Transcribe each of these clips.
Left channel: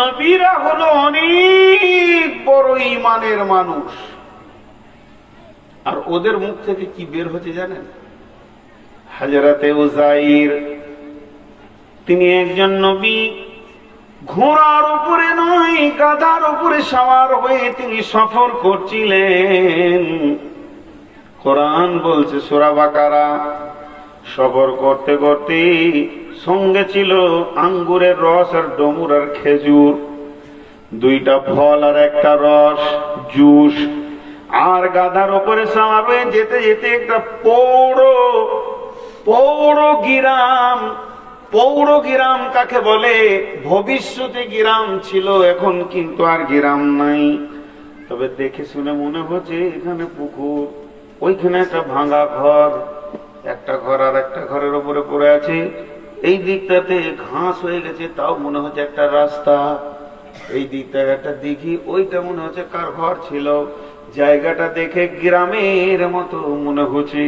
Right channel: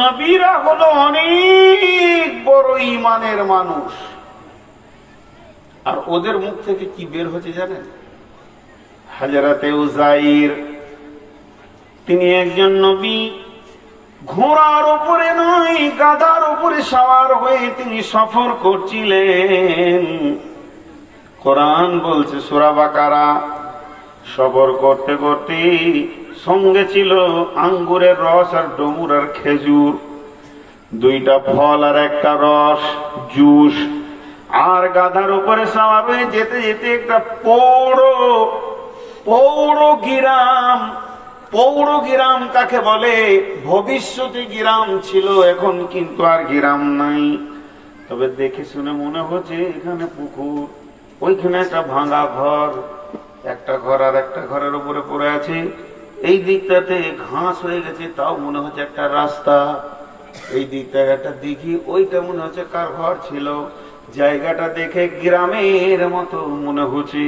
নবীরা হলো অনেক বড় ঈমানের মানুষ, আর ওদের মুখ থেকে কি বের হচ্ছে জানেন? হযরতে উযাইর তিনি একজন নবী, ঘোড়ার উপরে নয় গাধার উপরে সওয়ার হয়ে তিনি সফর করছিলেন। কোরআন বলছে সূরা বাকারা, সফর করতে করতে সঙ্গে ছিল আঙ্গুরের রস আর ডমুরের খেজুর, দুইটা ফল আর একটা রস জুস। আর গাধার উপরে সওয়ার হয়ে যেতে যেতে একটা পৌর গিরাম কাকে বলে? ভবিষ্যতে গিরাম ছিল, এখন কিন্তু আর গিরাম নাই। তবে দেখে শুনে মনে হচ্ছে এখানে পুকুর, ওইখানে একটা ভাঙা ঘর, একটা ঘর আর একটা ঘরের উপরে পড়ে আছে, এই দিকটাতে ঘাস হয়ে গেছে, তাও মনে হচ্ছে একটা রাস্তা, এই দিকটা একটা দিঘি, ওইটা মনে হচ্ছে কার ঘর ছিল। জায়গাটা দেখে গ্রামের মতো মনে হচ্ছে।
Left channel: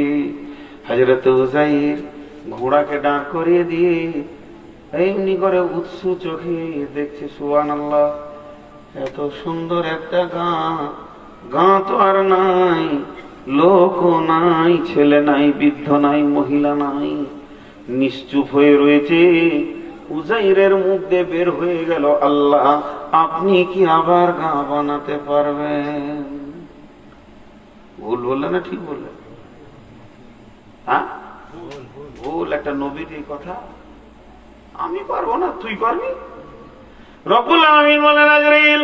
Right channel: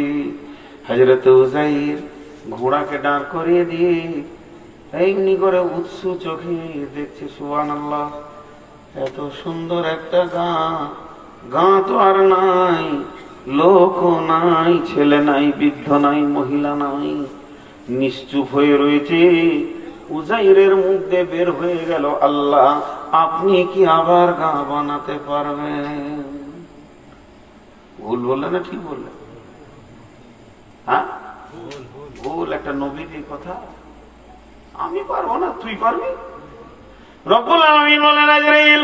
হযরত উযাইর ঘোড়াকে দাঁড় করিয়ে দিয়ে এমনি করে উৎসু চোখে দেখছে, সুবহানাল্লাহ, এত সুন্দর একটা গাঁ তো আর নাই, লোকও নাই, ছেলে নাই, বৃদ্ধ নাই, মহিলা নাই, নিশ্চুপ হয়ে রয়েছে। উযাইরের মুখ দিয়ে বের হয়ে গেল, আল্লাহ আপনি কি আবার গাঁ বানাতে পারবেন? ভুল বললে না ঠিক বললেন? হ্যাঁ ভুল। একটা নবীর এই কথা, আমি পারবো না, তুই পারবি? রব্বুল আলামিন বলেন, আজরাইল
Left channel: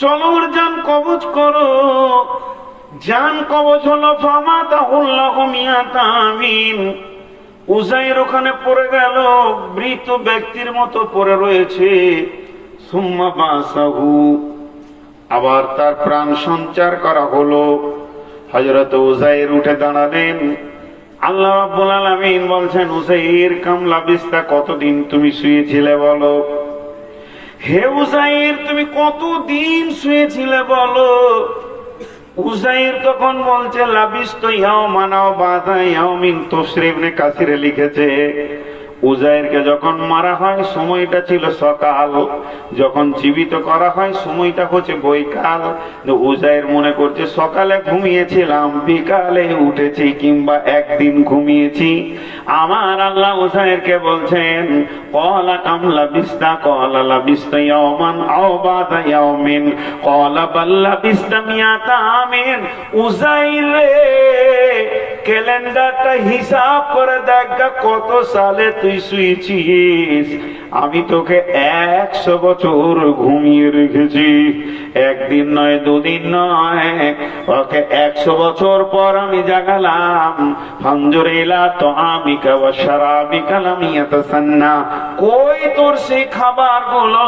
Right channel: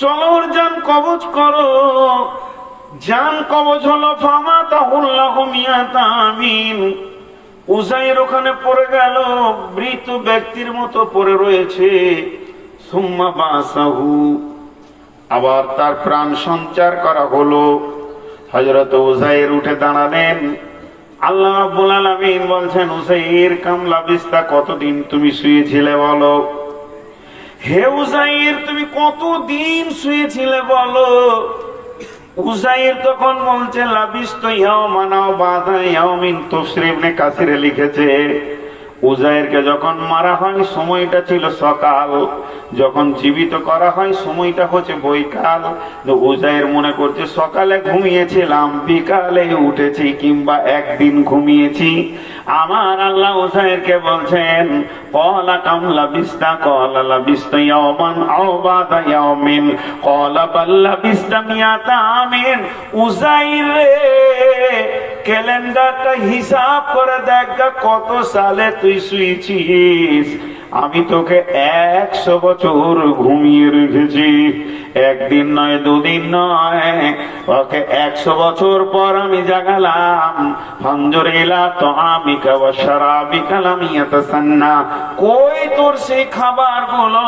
চলো ওর জান কবজ করো। জান কবজ হলো ফামাতাহুল্লাহু মিয়াতা আমিন। উযাইর ওখানে পড়ে গেল, মৃত ব্যক্তির মতো পড়ে রয়েছে। সুম্মা বাসাহু, আবার তার প্রাণ সঞ্চার করা হলো। হযরত উযাইর উঠে দাঁড়ালেন। আল্লাহ রাব্বুল আলামিন বলছেন, উযাইর কাম লাবিস্তা, কতদিন তুমি শুয়েছিলে বলো? হে উযাইর তুমি কতদিন শুয়েছিলে বলো? উযাইর তখন বলছে, লাবিস্তু ইয়াওমান আও বাদা ইয়াওমিন। তাফসীর ইবনে কাসিরে লিখেছে, উযাইরকে যখন মারা হয় সময়টা ছিল সকাল, যখন জীবিত করা হয় সময়টা হচ্ছে বৈকাল। উযাইর মনে করছে সকালে ঘুমিয়েছিলাম, বিকালে উঠেছি, কিংবা একদিন ঘুমিয়েছি। আমার আল্লাহ উযাইরকে বলছেন, ক্বালা কাম লাবিস্তা, ক্বালা লাবিস্তু ইয়াওমান আও বাদা ইয়াওমিন, ক্বালা বাল লাবিস্তা মিয়াতা আমিন। উযাইর রে, ক্যালেন্ডারটা হিসাব করে দেখ কত সালে তুই শুয়েছিস। আমি তোকে 100 বছর ঘুমিয়ে রেখেছি, একদিন নয়, দুদিন নয়, ওকে 100 বছর পর আমি জাগালাম। ফানজুর ইলা তাআমিকা ওয়া শারাবিকা লাম ইয়াতাসান্না। কই তোর সেই খাবারগুলো?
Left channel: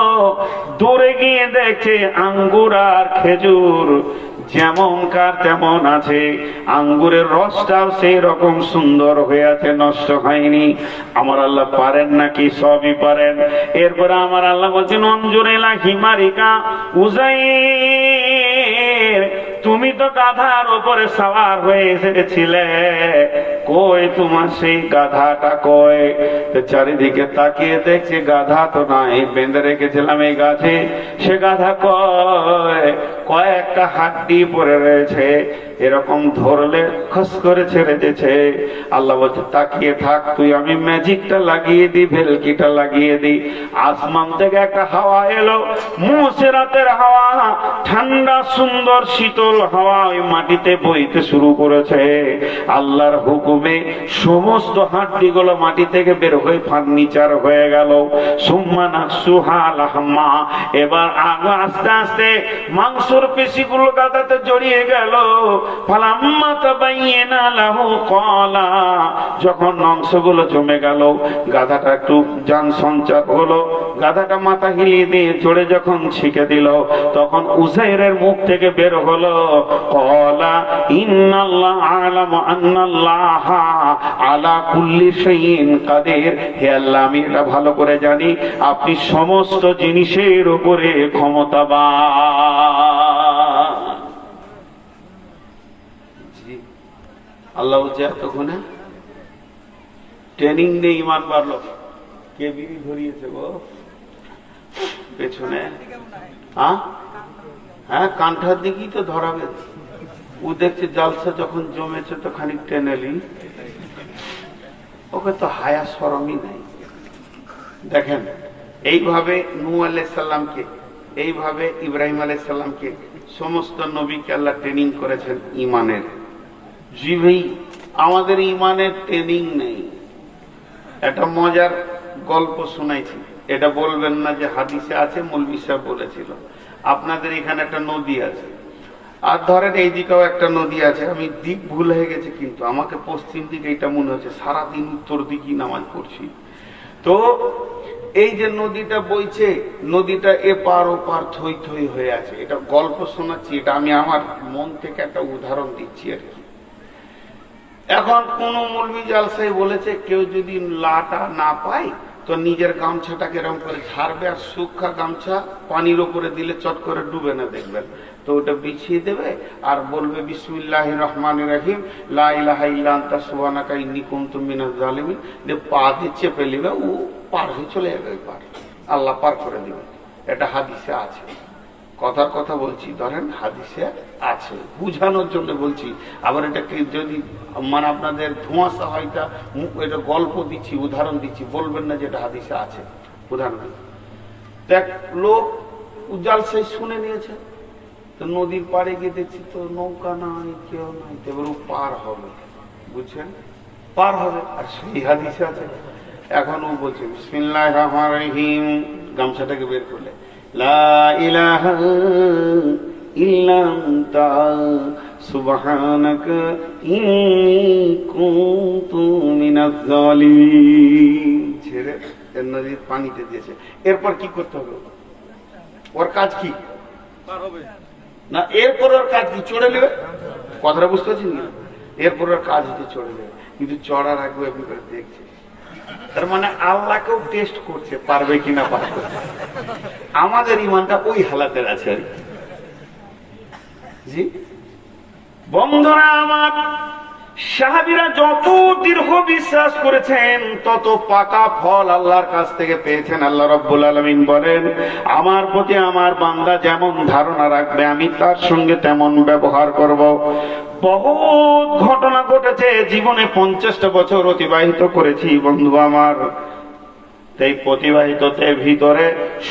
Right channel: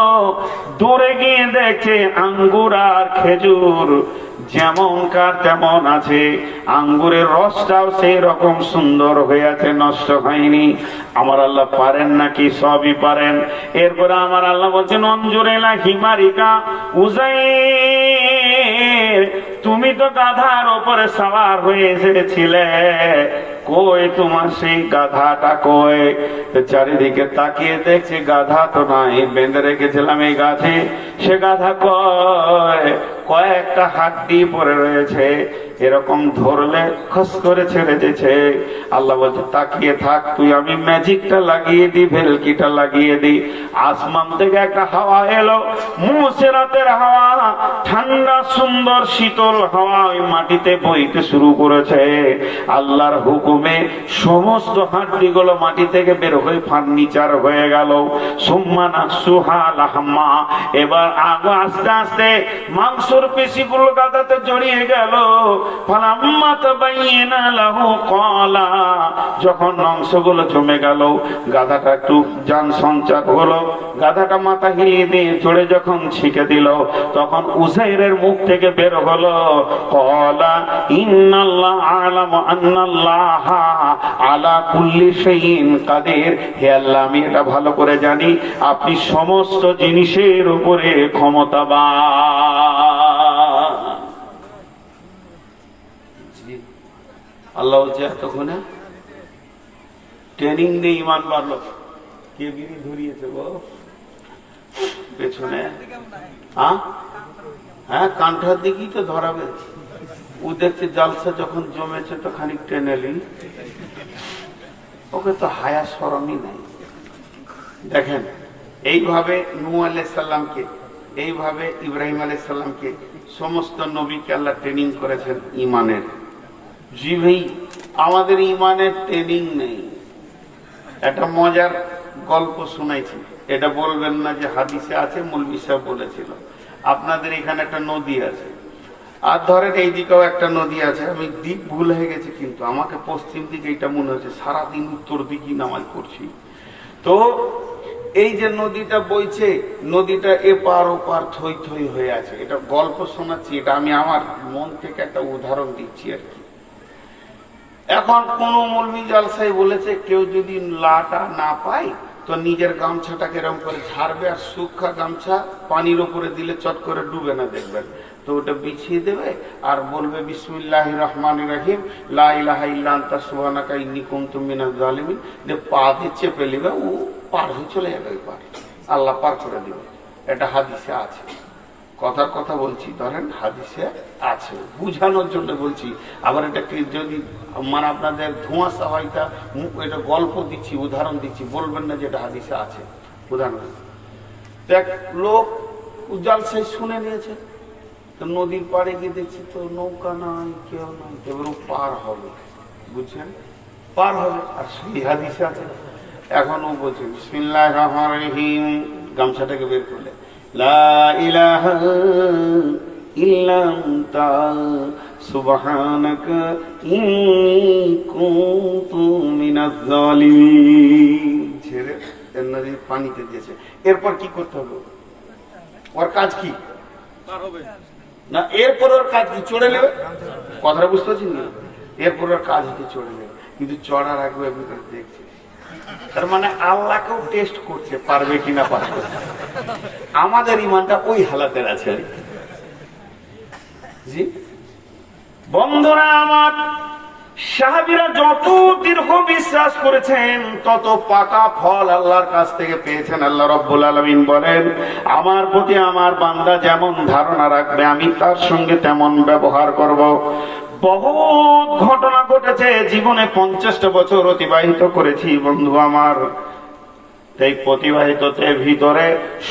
দূরে গিয়ে দেখে আঙ্গুর আর খেজুর যেমন কার তেমন আছে, আঙ্গুরের রসটাও সেই রকম সুন্দর হয়ে আছে, নষ্ট হয়নি। আমার আল্লাহ পারেন নাকি? সবই পারেন। এরপরে আমার আল্লাহ বলছেন, অঞ্জুরেলা হিমারিকা। উযাইর তুমি তো গাধার উপরে সওয়ার হয়ে এসেছিলে, কই তোমার সেই গাধাটা কই? চারিদিকে তাকিয়ে দেখছে গাধা তো নাই, বেঁধে রেখেছিলাম এই গাছে, সে গাধা কয়? কয়েকটা হাড্ডি পড়ে রয়েছে, এরকম ধরলে খস করে ছেড়ে দিয়েছে। আল্লাহ বলছে, তাকিয়ে থাক তুই, আমি ম্যাজিকটা লাগিয়ে দিই, ভেলকিটা লাগিয়ে দিই। আসমান থেকে একটা হাওয়া এলো, মুসিরাতের হাওয়া, ঠান্ডা সুন্দর শীতল হাওয়া ওই মাটিতে বইতে শুরু করেছে। আল্লাহর হুকুমে সমস্ত হাড্ডিগুলো মাটি থেকে বের হয়ে ফার্নিচার হয়ে গেল। সুম্মা নাকসুহা লাহমা, এবার আস্তে আস্তে মাংসর পেশিগুলো গাদাতে জড়িয়ে গেল। ফালাম্মা তাবায়্যানা লাহু ক্বালা, যখন মাংসগুলো জমে গেল, গাধাটা একটু জান সঞ্চার হলো, গাধাটা মাথা হিলিয়ে দিয়ে জোরে যখন ছিকে দিল, তখন উযাইরের মুখ থেকে বের হলো, ক্বালা ইন্নাল্লাহ আ'লামু আন্নাল্লাহা আলা কুল্লি শাইইন কাদির। হে আল্লাহ, আমি এটা ভালো করে জানি আপনি সমস্ত জিনিসের উপরে ক্ষমতাবান। আল্লাহ বলছে, এতক্ষণে ট্রেনিং দিয়ে ইমান বাড়লো। কে বিড়ি ধরিয়েছে গো? পেছনে। হ্যাঁ হ্যাঁ, কান্ঠার দিকেই তো ধরাবে। ও দেখছে জালসা যখন জমেছে তো খানিক টেনেলি, ওকে তো হায়া শরমই নাই। দেখেন, এইভাবে নূহ আলাইহিস সালামকে, এইভাবে ইব্রাহিম আলাইহিস সালামকে, সমস্ত নবীকে আল্লাহ ট্রেনিং করেছেন ইমানের। জি ভাই, আমাদের ইমানের ট্রেনিং নেই। একটা মজার গল্প শুনাইছি, এটা বলবেন না যে হাদিসে আছে, মৌলভী সাহেব বলেছিল। আপনাদের এখানে একটা নদী আছে, আর ধরেন এইদিকেও একটা নদী আছে। আমি দিক ভুল হয়ে গেছে, কিন্তু আমাকে পশ্চিম দিকে এটা মনে হচ্ছে, সারাদিন উত্তর দিকই নামাজ পড়ছি। তো এই যে নদীটা বইছে, নদীটা এপার ওপার থই থই হয়ে আছে। এটা গল্প শোনাচ্ছি, এটা আমি আমার মন থেকে একটা উদাহরণ দিচ্ছি আর কি। এখন কোন মৌলভী জালসাই বলেছে, কেউ যদি লাটা না পায় তো নিজের গামছাটাকে এরকম করে ছাড়বে, আর শুকনা গামছা পানির উপরে দিলে চট করে ডুবে না, দেখবেন তো ওটা বিছিয়ে দেবে আর বলবে বিসমিল্লাহির রহমানির রহিম লা ইলাহা ইল্লা আনতা সুবহানাকা ইন্নী কুনতু মিনাজ জালিমিন, যে পা দিয়ে চেপে নেবে, ও পার হয়ে চলে যাবে, পার আল্লাহ পার করে দিবে। এটা হাদিসে আছে, কথার কথা বলছি, ধরেন হাদিসে আছে, বুঝানোর জন্য বলছি। আবার এটাকে যদি মানে আপনাদের ধোঁয়াশা হয়, তা এটা গল্প দিচ্ছি, উদাহরণ দিচ্ছি, বলবেন না যেটা হাদিসে আছে। উদাহরণ দেখ, লোক জালসাই শুনে নিয়েছে, তো নদীর পাড়ে গিয়ে দেখছি তো নৌকা নাই, কেউ নাই, এগুলো পার হবে, বুঝছেন, পার হবে। আর সেই হাদিসে আছে। এখন ও বলছে বিসমিল্লাহির রহমানির রহিম, গামছাটাকে বের করলে লা ইলাহা ইল্লা আনতা সুবহানাকা ইন্নী কুনতু মিনাজ জালিমিন, ছেড়ে নদীর পানিতে দিয়েছে। এরপর কি করতে হবে? ওর কাজ কি? পার হবে না। এরপর ওর কাজ কি? চড়ে নেবে। কথাটা বুঝতে পারছেন না? এরপর ওর কাজ হচ্ছে চড়ে নেবে, কিন্তু চড়ার আগে আপনি দেখছে, তার মানে আল্লাহকেও টেস্ট করছে, পারবে কিনা পারবে। আমাদের ইমানটা ওই হালাতের আছে আর কি। জি বন্ধুরা আমার, সাহাবীরা যত দীর্ঘ বিশ্বাস করেছেন তত পাকা ফল আল্লাহর কাছ থেকে পেয়েছেন। আল্লাহ রাব্বুল আলামিন বলেন, আমার প্রতি আমার বান্দা যেমন ধারণা রাখবে আমি তার সঙ্গে তেমন ব্যবহার করব। বহুত ঘটনা ঘটেছে জীবনে, 50টা বছর অতিবাহিত করেছি বন্ধু আমার। এই প্রতিবাহিততে ভিতরে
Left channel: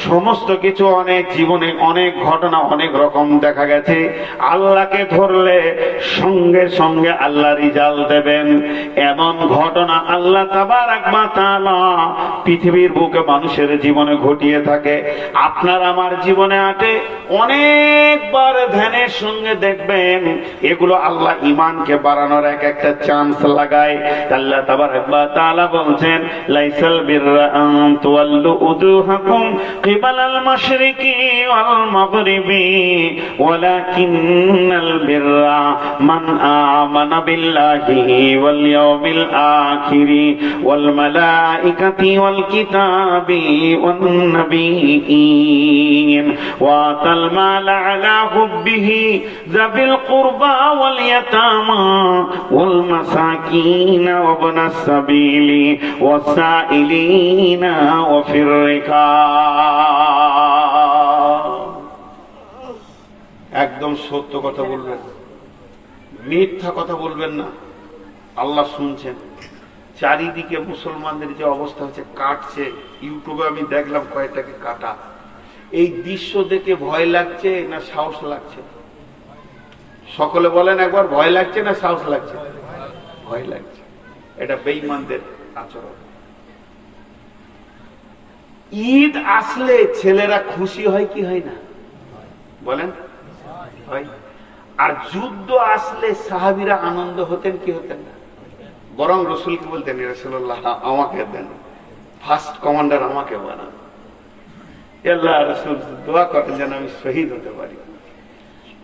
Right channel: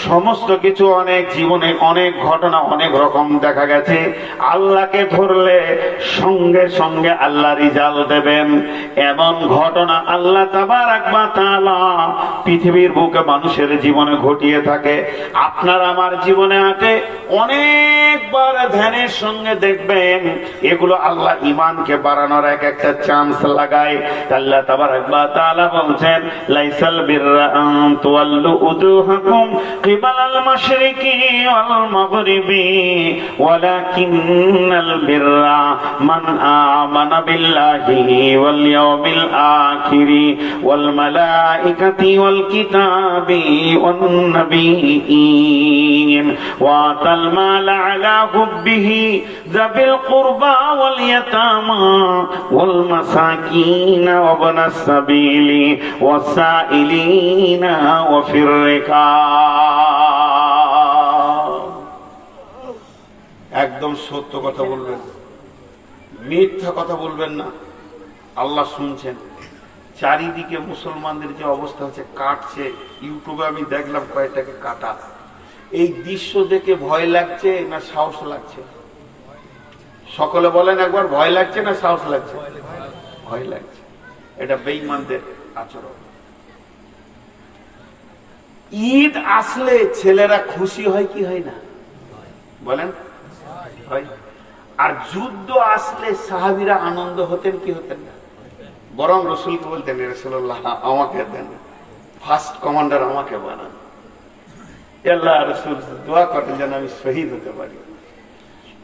সমস্ত কিছু, অনেক জীবনে অনেক ঘটনা, অনেক রকম দেখা গেছে। আল্লাহকে ধরলে সঙ্গে সঙ্গে আল্লাহ রিজাল্ট দেবেন, এমন ঘটনা আল্লাহ তাবারাক ওয়া তাআলা পৃথিবীর বুকে মানুষের জীবনে ঘটিয়ে থাকে। আপনার আমার জীবনে আছে, অনেকবার ধ্যানের সঙ্গে দেখবেন এগুলো আল্লাহ ইমানকে বাড়ানোর এক একটা চান্স লাগায়। আল্লাহ তাবারাক ওয়া তাআলা বলছেন, লাইসাল বিররা تولوا وجوهكم قبل المشرق والمغرب ولكن البر من آمن بالله واليوم الآخر والملائكة والكتاب والنبيين وآتى المال على حبه ذوي القربى واليتامى والمساكين وابن السبيل والسائلين وفي الرقاب। একদম সত্য কথা বলবেন, মিথ্যা কথা বলবেন না। আল্লাহ শুনছেন। চারিদিকে মুসলমানদের যে অবস্থা হচ্ছে, কাটছে। ইউটিউবে আমি দেখলাম কয়েকটাকে কাটা। এই দৃশ্য দেখে ভয় লাগছে না সাহস লাগছে? সকলে বলেন একবার, ভয় লাগছে না সাহস লাগছে? ভয় লাগছে। এটা বেঈমানদের আচরণ। ঈদ আসলে ছেলেরা খুশি হয় কি হয় না বলেন? হয়। আর যুদ্ধ আসলে সাহাবীরা আনন্দ হতেন কি হতেন না? বরং রাসূলকে বলতেন, রাসূলুল্লাহ আমাকে দেন, ফার্স্ট কমান্ডার আমাকে বানান। আল্লাহ রাসূল দোয়া করেন যেন আমি শহীদ হতে পারি।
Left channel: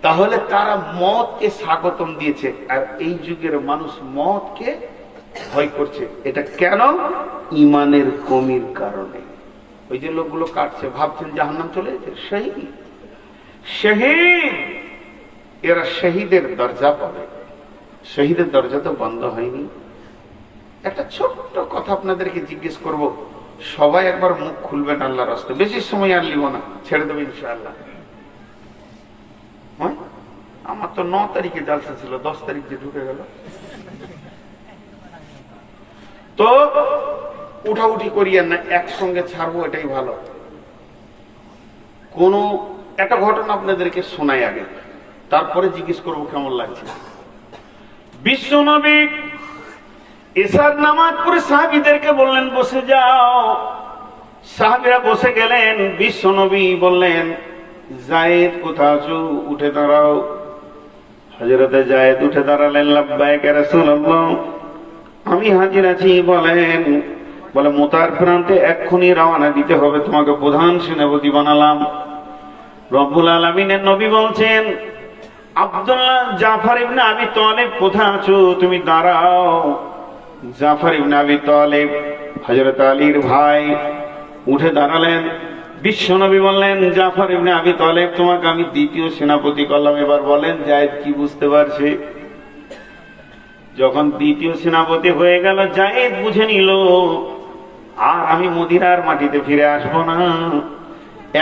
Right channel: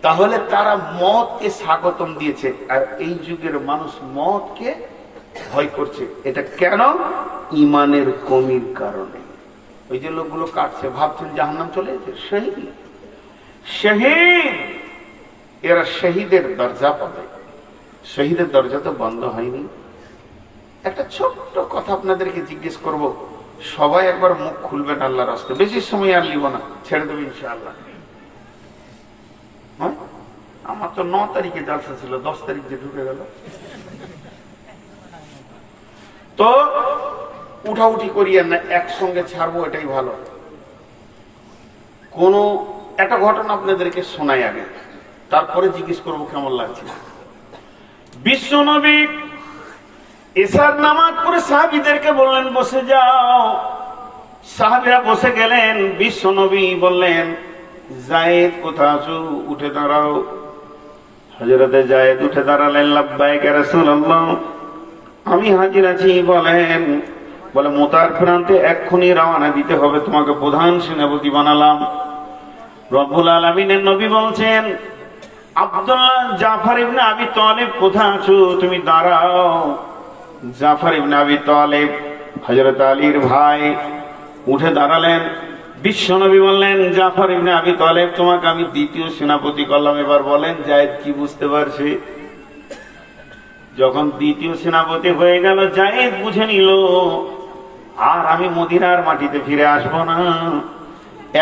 তাহলে তারা মওতকে স্বাগতম দিয়েছে। আর এই যুগের মানুষ মওতকে ভয় করছে। এটা কেন? ইমানের কমির কারণে। ওই যে লোকগুলো কাটছে, ভাবছেন জাহান্নাম চলে যেতে। শহীদ, শহীদ, এরা শহীদের দরজা পাবে। শহীদের দরজা তো বন্ধ হয়নি। একটা ছোট্ট কথা আপনাদেরকে জিজ্ঞেস করব, সবাই একবার মুখ খুলবেন আল্লাহর রাস্তায়, বেশি সময় আর লিব না, ছেড়ে দেবো ইনশাআল্লাহ। হ্যাঁ, আমার তো 9 তারিখে জালসা ছিল, 10 তারিখ যে ঢুকে গেল। তো উঠাউঠি করিয়েন না, একসঙ্গে ছাড়বো, এটাই ভালো। কোন একটা ঘটনা আপনাদেরকে শোনাই আগে, তারপরে জিজ্ঞেস করবো কেমন লাগছে। বিশ্ব নবী এশার নামাজ পড়ে সাহাবীদেরকে বললেন বসে যাও। সাহাবীরা বসে গেলেন। বিশ্ব নবী বললেন, যায়েদ কোথায় আছো, উঠে দাঁড়াও। হযরতে যায়েদ উঠে দাঁড়ালেন। লাব্বাইক ইয়া রাসূলুল্লাহ, আমি হাজির আছি। বলেন, বলে মুতার প্রান্তে এক্ষুনি রওনা দিতে হবে, তোমাকে প্রধান সেনাপতি বানালাম। রব্বুল আলামিনের নবী বলছেন, আব্দুল্লাহ জাফর ইবনে আবি তালিব কোথায় আছো, তুমি দাঁড়াও। জাফর ইবনে আবি তালিব হযরত আলীর ভাই উঠে দাঁড়ালেন। বিশ্বনবী বললেন, জাফর ইবনে আবি তালিব, তোমাকে আমি দ্বিতীয় সেনাপতি করলাম। এবার বলেন যায়েদ কি বুঝতে পারছে? যখন দ্বিতীয় সেনাপতি হয়ে গেল, যায়েদ বুঝে নিল আর আমি মদিনার মাটিতে ফিরে আসবো না,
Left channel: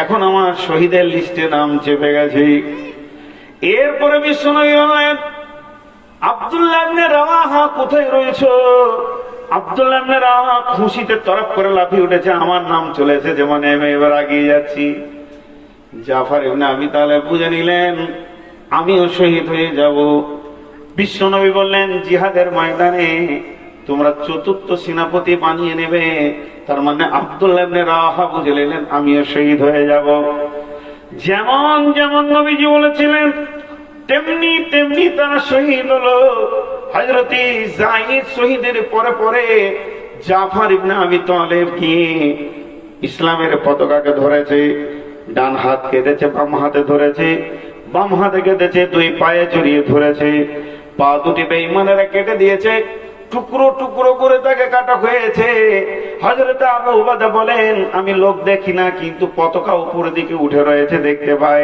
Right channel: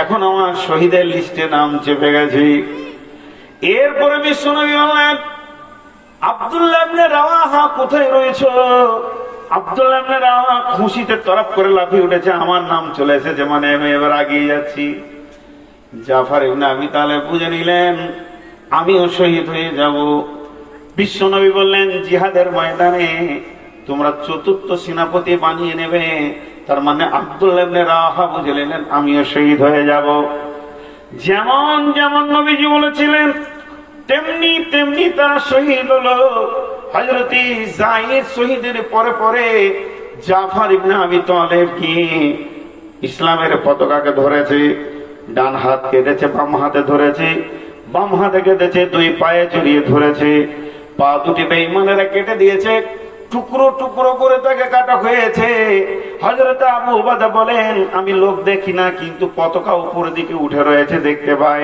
এখন আমার শহীদের লিস্টে নাম চেপে গেছে। এরপরে বিশ্বনবী বললেন, আব্দুল্লাহ ইবনে রাওয়াহা কোথায় রয়েছে? আব্দুল্লাহ ইবনে রাওয়াহা খুশিতে তরফ করে লাফিয়ে উঠেছে, আমার নাম চলে এসেছে, মানে আমি এবার এগিয়ে যাচ্ছি। জাফর ইবনে আবি তালিব বুঝে নিলেন আমিও শহীদ হয়ে যাব। বিশ্বনবী বললেন, জিহাদের ময়দানে তোমরা চতুর্থ সেনাপতি বানিয়ে নেবে। তার মানে আব্দুল্লাহ ইবনে রাওয়াহা বুঝে নিলেন আমিও শহীদ হয়ে যাব। যেমন যেমন নবীজি বলেছিলেন তেমনি তেমনি তারা শহীদ হলো। হযরত যায়েদ শহীদের পরে পরে জাফর ইবনে আবি তালিব কি ইসলামের পতাকাকে ধরেছে, ডান হাত কেটেছে, বাম হাতে ধরেছে, বাম হাতে কেটেছে, দুই পায়ে জড়িয়ে ধরেছে, পা দুটি বেঈমানেরা কেটে দিয়েছে, টুকরো টুকরো করে তাকে কাটা হয়েছে। হযরত আবু উবাদা বলেন, আমি লোক দেখি না, কিন্তু পতাকা উপরের দিকে উঠে রয়েছে দেখতে পাই।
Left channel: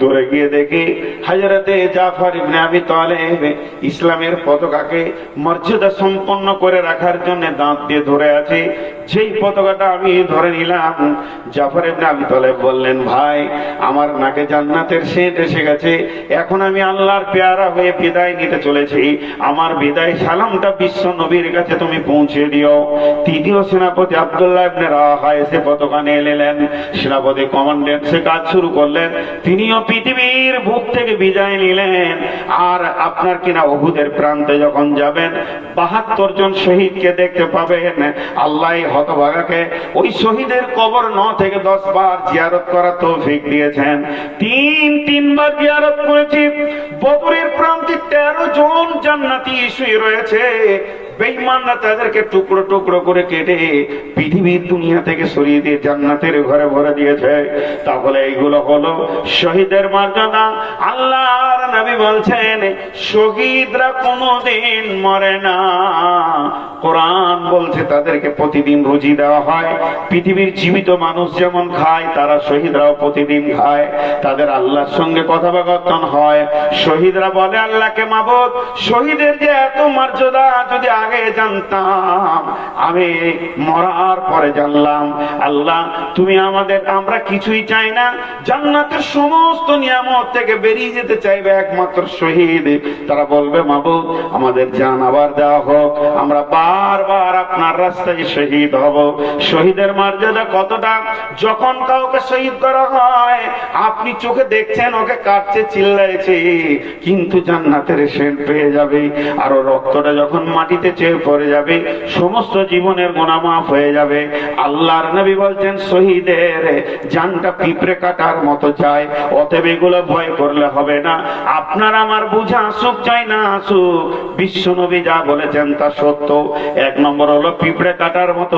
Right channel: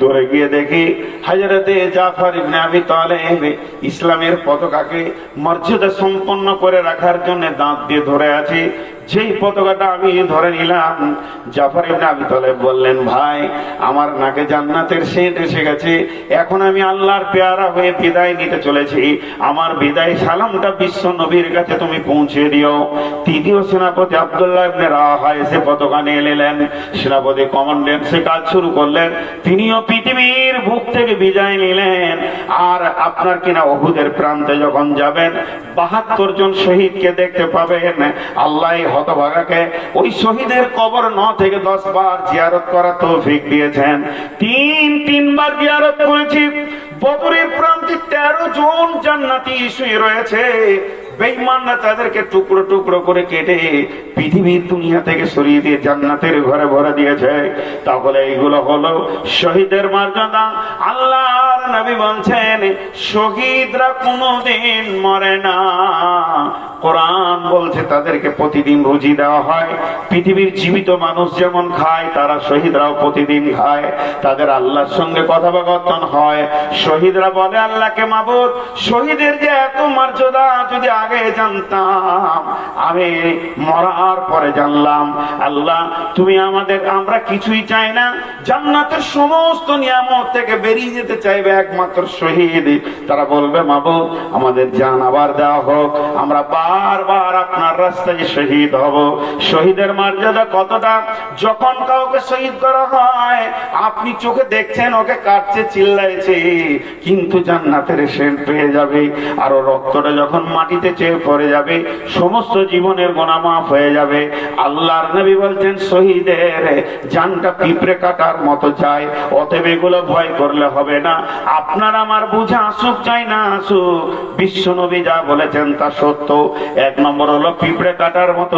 দূরে গিয়ে দেখি হযরতে জাফর ইবনে আবি তালিব ইসলামের পতাকাকে মর্যাদা সম্পন্ন করে রাখার জন্য দাঁত দিয়ে ধরে আছে। যেই পতাকাটা আমি ধরে নিলাম, জাফর ইবনে আবি তালিব বললেন, ভাই আমার নাকে জান্নাতের সেন্ট এসে গেছে, এখন আমি আল্লাহর পেয়ারা হয়ে বিদায় নিতে চলেছি। আমার বিদায় সালামটা বিশ্ব নবীর কাছে তুমি পৌঁছে দিও। তৃতীয় সেনাপতি আব্দুল্লাহ ইবনে রাওয়াহা এসে পতাকা নিয়ে এলেন। সেনাপতি কমান্ডেন্টসে কাজ শুরু করলেন। তিনিও পৃথিবীর বুক থেকে বিদায় নিলেন। আর আপনার কিনা উহুদের প্রান্তে যখন যাবেন ৭২ জন শহীদকে দেখতে পাবেন। আল্লাহ হতভাগাকে ওই শহীদের কবর ৯ থেকে ১০ বার জিয়ারত করার তৌফিক দিয়েছেন। তিনবার জিয়ারত করেছি। বদরের প্রান্তে ১৩ জন জান্নাতি শুয়ে রয়েছে। বেঈমানরা তাদেরকে টুকরো টুকরো করে কেটে পৃথিবীর দুনিয়া থেকে সরিয়ে দিয়ে জান্নাতের ঘরে ভরে দিয়েছে। তাহলে এইগুলো হলো শহীদের মর্যাদা। আল্লাহর নবী বলছেন, শহীদরা কোনোদিন মরে না। কোরআন বলছে তাদেরকে প্রতিদিন রুজি দেওয়া হয়। পৃথিবীর জীবিত মানুষ যেমন খায়, তারা শহীদরাও প্রতিদিন খায়। তাদের আল্লাহর সঙ্গে কথাবার্তা হয়। শহীদরা বলে আল্লাহকে, মাবুদ, শহীদের যে এত মর্যাদা যদি আগে জানতাম, আমি মরার পরে জানলাম। আল্লাহ তুমি আমরা কিছুই চাই না, জান্নাতের সমস্ত নিয়ামত থেকে বেরিয়ে যেতে চাইবে একমাত্র শহীদ। তারা বলবে, মাবুদ আমাদের জান আবার দেওয়া হোক, আমরা বারবার আপনার রাস্তায় শহীদ হব। শহীদের মর্যাদা কতটা! যখন কাউকে শহীদ করা হয়, আপনি চোখে দেখছেন ওকে কাটছে, চিল্লাইছে, কিন্তু জান্নাতের সেন্ট পেয়ে যাবে। আর রক্তটা যখন মাটিতে চেয়ে পড়ে যাবে, সমস্ত জীবনের গুনাহ মাফ হয়ে যাবে। আল্লাহর নবী বলছেন, শহীদের জানটা পিঁপড়ে কাটার মতো চায়। অতএব এগুলো ভয় করলে হবে না। আপনার আমার বুঝা আসুক চাই না আসুক, বিশ্ব নবী যা বলেছেন তা সত্য। ১ নম্বর হলো পিঁপড়ে কাটার মতো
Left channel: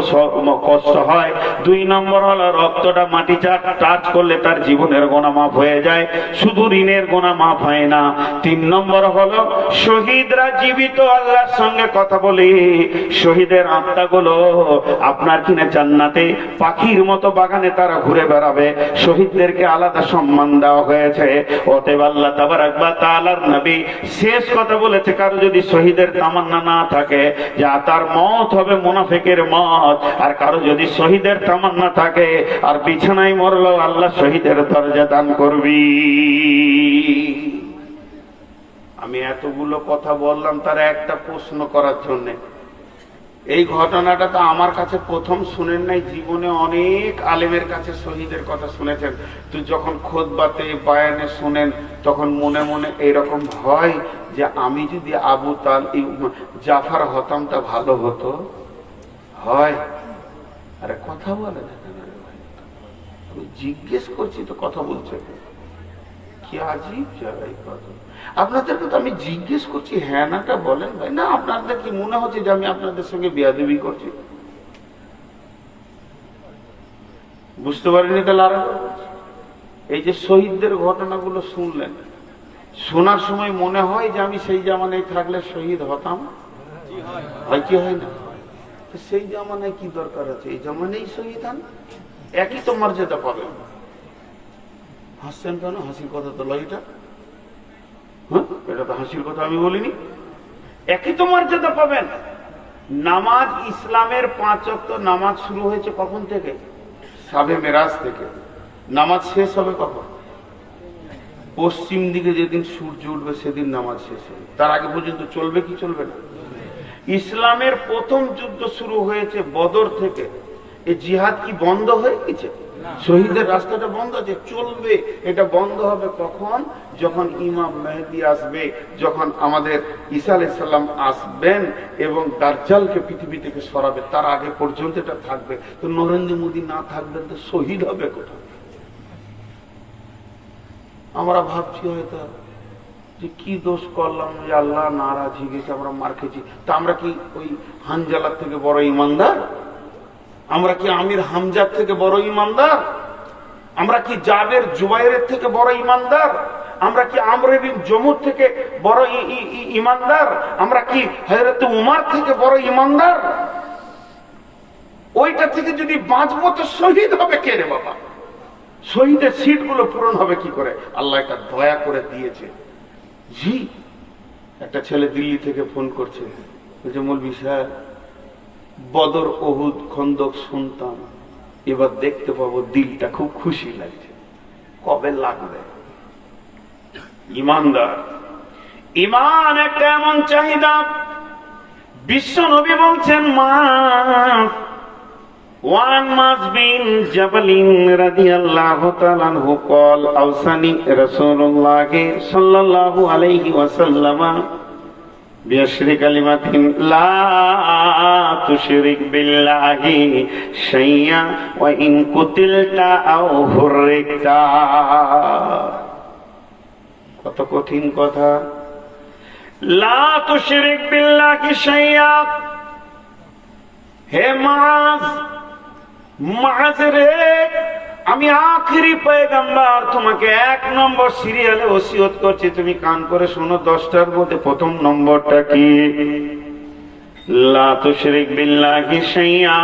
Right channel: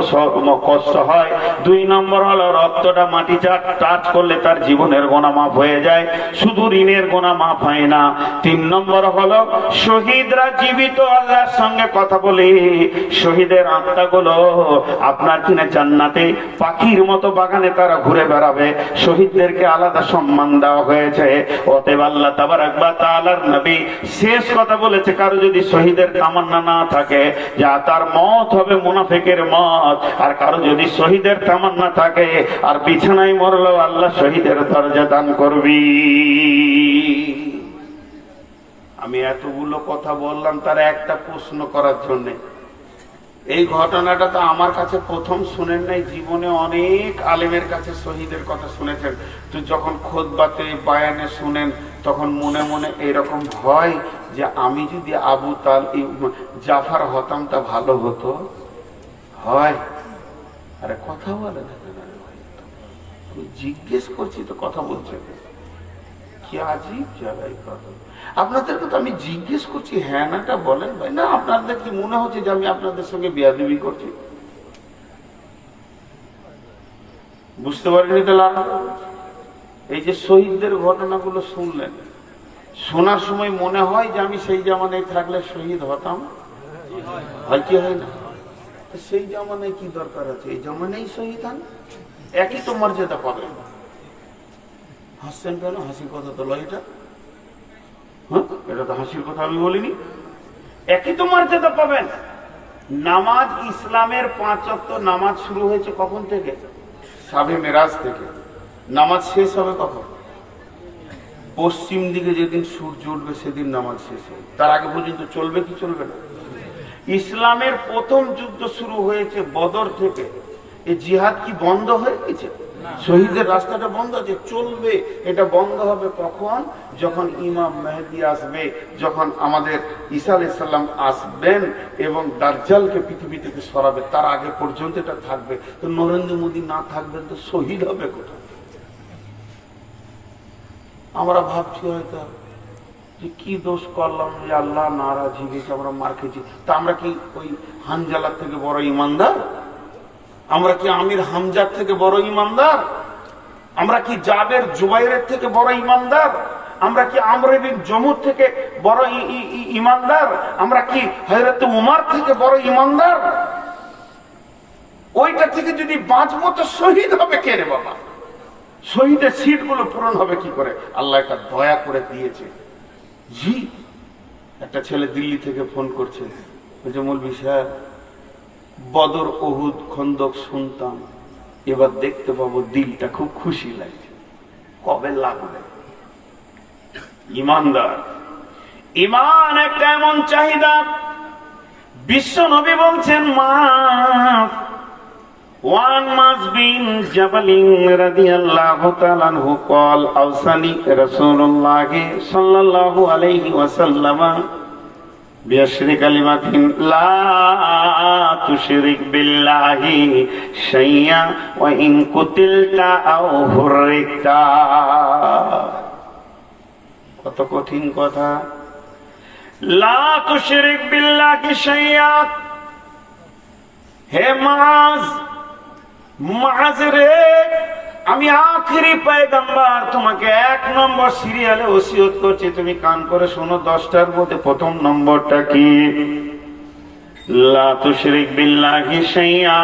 কষ্ট হয়। ২ নম্বর হলো রক্তটা মাটি টাচ করলে তার জীবনের গুনাহ মাফ হয়ে যায়, শুধু ঋণের গুনাহ মাফ হয় না। ৩ নম্বর হলো শহীদরা জীবিত আল্লাহর সঙ্গে কথা বলে শহীদের আত্মাগুলো আপনার কিনা জান্নাতে পাখির মতো বাগানে তারা ঘুরে বেড়াবে। শহীদদেরকে আলাদা সম্মান দেওয়া হয়েছে। অতএব আল্লাহ তাবারাক ওয়া তাআলার নবী শেষ কথা বলেছে, কারো যদি শহীদের তামান্না না থাকে যে তার মত হবে মুনাফিকের মত। আর কারো যদি শহীদের তামান্না থাকে আর বিছানায় মরলো, আল্লাহ শহীদের দরজা দান করবি। আমি এতগুলো কথা বললাম তার একটা প্রশ্ন করার জন্য। এই ঘটনাটা তো আমার কাছে প্রথম শুনেন নাই, জীবনে অনেক আলেমের কাছে শহীদের কথা শুনেছেন। তো যখন খুতবাতে বায়ানে শুনেন তখন মনে মনে এরকম হয় যে আমি যদি আবু জাফর হতাম তা ভালো হতো। হয় আরে কথা বলে না কেন? আমি জিজ্ঞেস করছি তো কথা বলছে কি আজীব জায়গায় কথা। আপনাদেরকে তো আমি জিজ্ঞেস করছি, হ্যাঁ নাটা বলেন ভাই। না আপনাদের কি মনে হচ্ছে যে আমি আপনাদের সঙ্গে বেয়াদবি করছি? বুঝতে পারেনি তাহলে? এই যে শহীদদের ঘটনাগুলো শুনলেন, শোনার সময় মনে হয় যে আমি সেই জামানায় থাকলে শহীদ হতাম। হয় কি হয় না? সেই জামানায় কি দরকার আছে? এই জামানায় শহীদ হন, একই তো মর্যাদা পাবেন। হাসছেন কেন? হাসির কথা তো লয় এটা। এটা তো হাসির কথা আমি বলিনি। একই তো মর্যাদা পাবেন। নামাজ, ইসলামের 5 ওয়াক্ত নামাজ শুরু হয়েছে কখন থেকে? শাবে মেরাজ থেকে। নামাজ শেষ হবে কখন? পশ্চিম দিকে যেদিন সূর্য উঠবে সেদিন নামাজ শেষ হবে। তার আগে পর্যন্ত চলবে কি চলবে না? ইসলামের প্রথম যুদ্ধ শুরু হয়েছে বদর থেকে। এই জিহাদ কি বন্ধ হয়ে গেছে? শহীদের রাস্তাটা বন্ধ আছে, চলবে। এটা বন্ধ হবে কখন? যখন ইমাম মেহেদী আসবে, যখন আমাদের ঈসা আলাইহিস সালাম আসবেন এবং দাজ্জালকে পৃথিবী থেকে সরাবে। তার আগে পর্যন্ত এটা থাকবে। তো নরেন্দ্র মোদী না থাকবেন তো শহীদ হবে কোথায়? আমরা ভাবছি হয়তো যে কি দোষ করলাম যে আল্লাহ নারাজ হয়ে গেছে, আমরা মার খেয়েছি। তা আমরা কি ওই হানজালার থেকে বড় ইমানদার? আমরা কি আমির হামজার থেকে বড় ইমানদার? আমরা কি জাবের জুবাইরের থেকে বড় ইমানদার? আমরা কি আমর বিন জমুর থেকে বড় ইমানদার? আমরা কি হযরত উমর থেকে বড় ইমানদার? ওইটা থেকে যদি বাঁচবো তো শহীদ হবে কে রে বাবা? শহীদের সিট গুলো পূরণ হবে কি করে? আল্লাহ একটা দয়া করে দিয়েছে। জি, একটা ছেলে দিল্লি থেকে ফোন করছে, বলছে মৌলভী সাহেব বদর ওহুদ খন্দক শুনতাম, এবার দেখতে পাবো, দিলটা খুব খুশি লাগছে। কবে লাগবে? ইমানদার। ইমান একটা এমন চাহিদা, বিশ্ব নবী বলছেন মা ওয়ান মাস বিন জাবালিন রাদিয়াল্লাহু তাআলা আনহু قال اوصاني رسول الله صلى الله عليه وسلم بعشر كلمات لا تشرك بالله شيئا وان قتلت او حرقت। কত কঠিন কথা। লা তুশরিক বিল্লাহি শাইয়া। হে মাজ, মাজ রে, আমি আখেরি পয়গম্বর, তোমাকে 1 নম্বর সিরিয়ালে ওসিয়ত করছি, তুমি কান করে শোনো। 10টার মধ্যে প্রথম নম্বরটা কি? লা তুশরিক বিল্লাহি শাইয়া।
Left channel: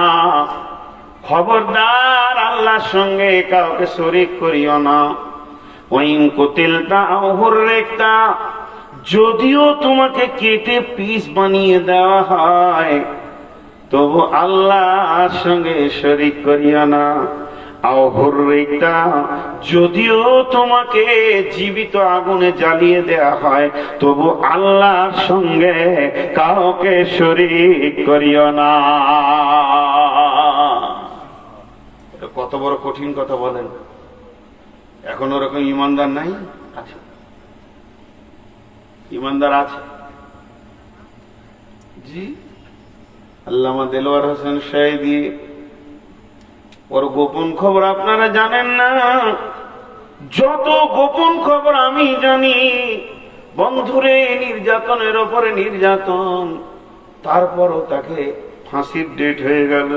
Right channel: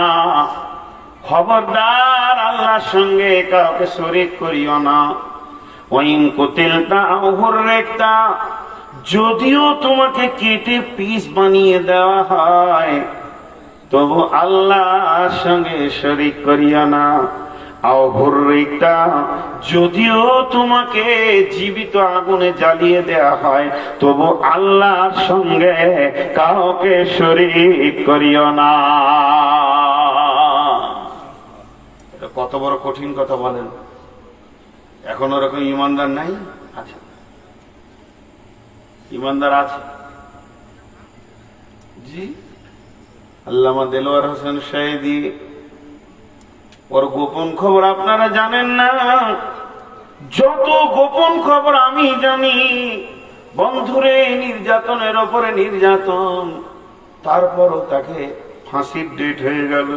খবরদার আল্লাহর সঙ্গে কাউকে শরীক করিও না। ওয়াইন কুতিলতা আও হুররিকতা, যদিও তোমাকে কেটে পিস বানিয়ে দেওয়া হয় তবু আল্লাহর সঙ্গে শরীক করিও না। আও হুররিকতা, যদিও তোমাকে জীবিত আগুনে জ্বালিয়ে দেওয়া হয় তবু আল্লাহর সঙ্গে কাউকে শরীক করিও না। কত বড় কঠিন কথা বলেন। এখন ওরকম ইমানদার নাই? আছে, ইমানদার আছে। জি, আল্লামা দেলোয়ার হোসেন শাহেদি, ওর গোপন খবর আপনারা জানেন না। যত গোপন খবর আমি জানি, বন্ধুরে নির্যাতনের ওপরে নির্যাতন, তারপরও তাকে ফাঁসির ডেট হয়ে গেল,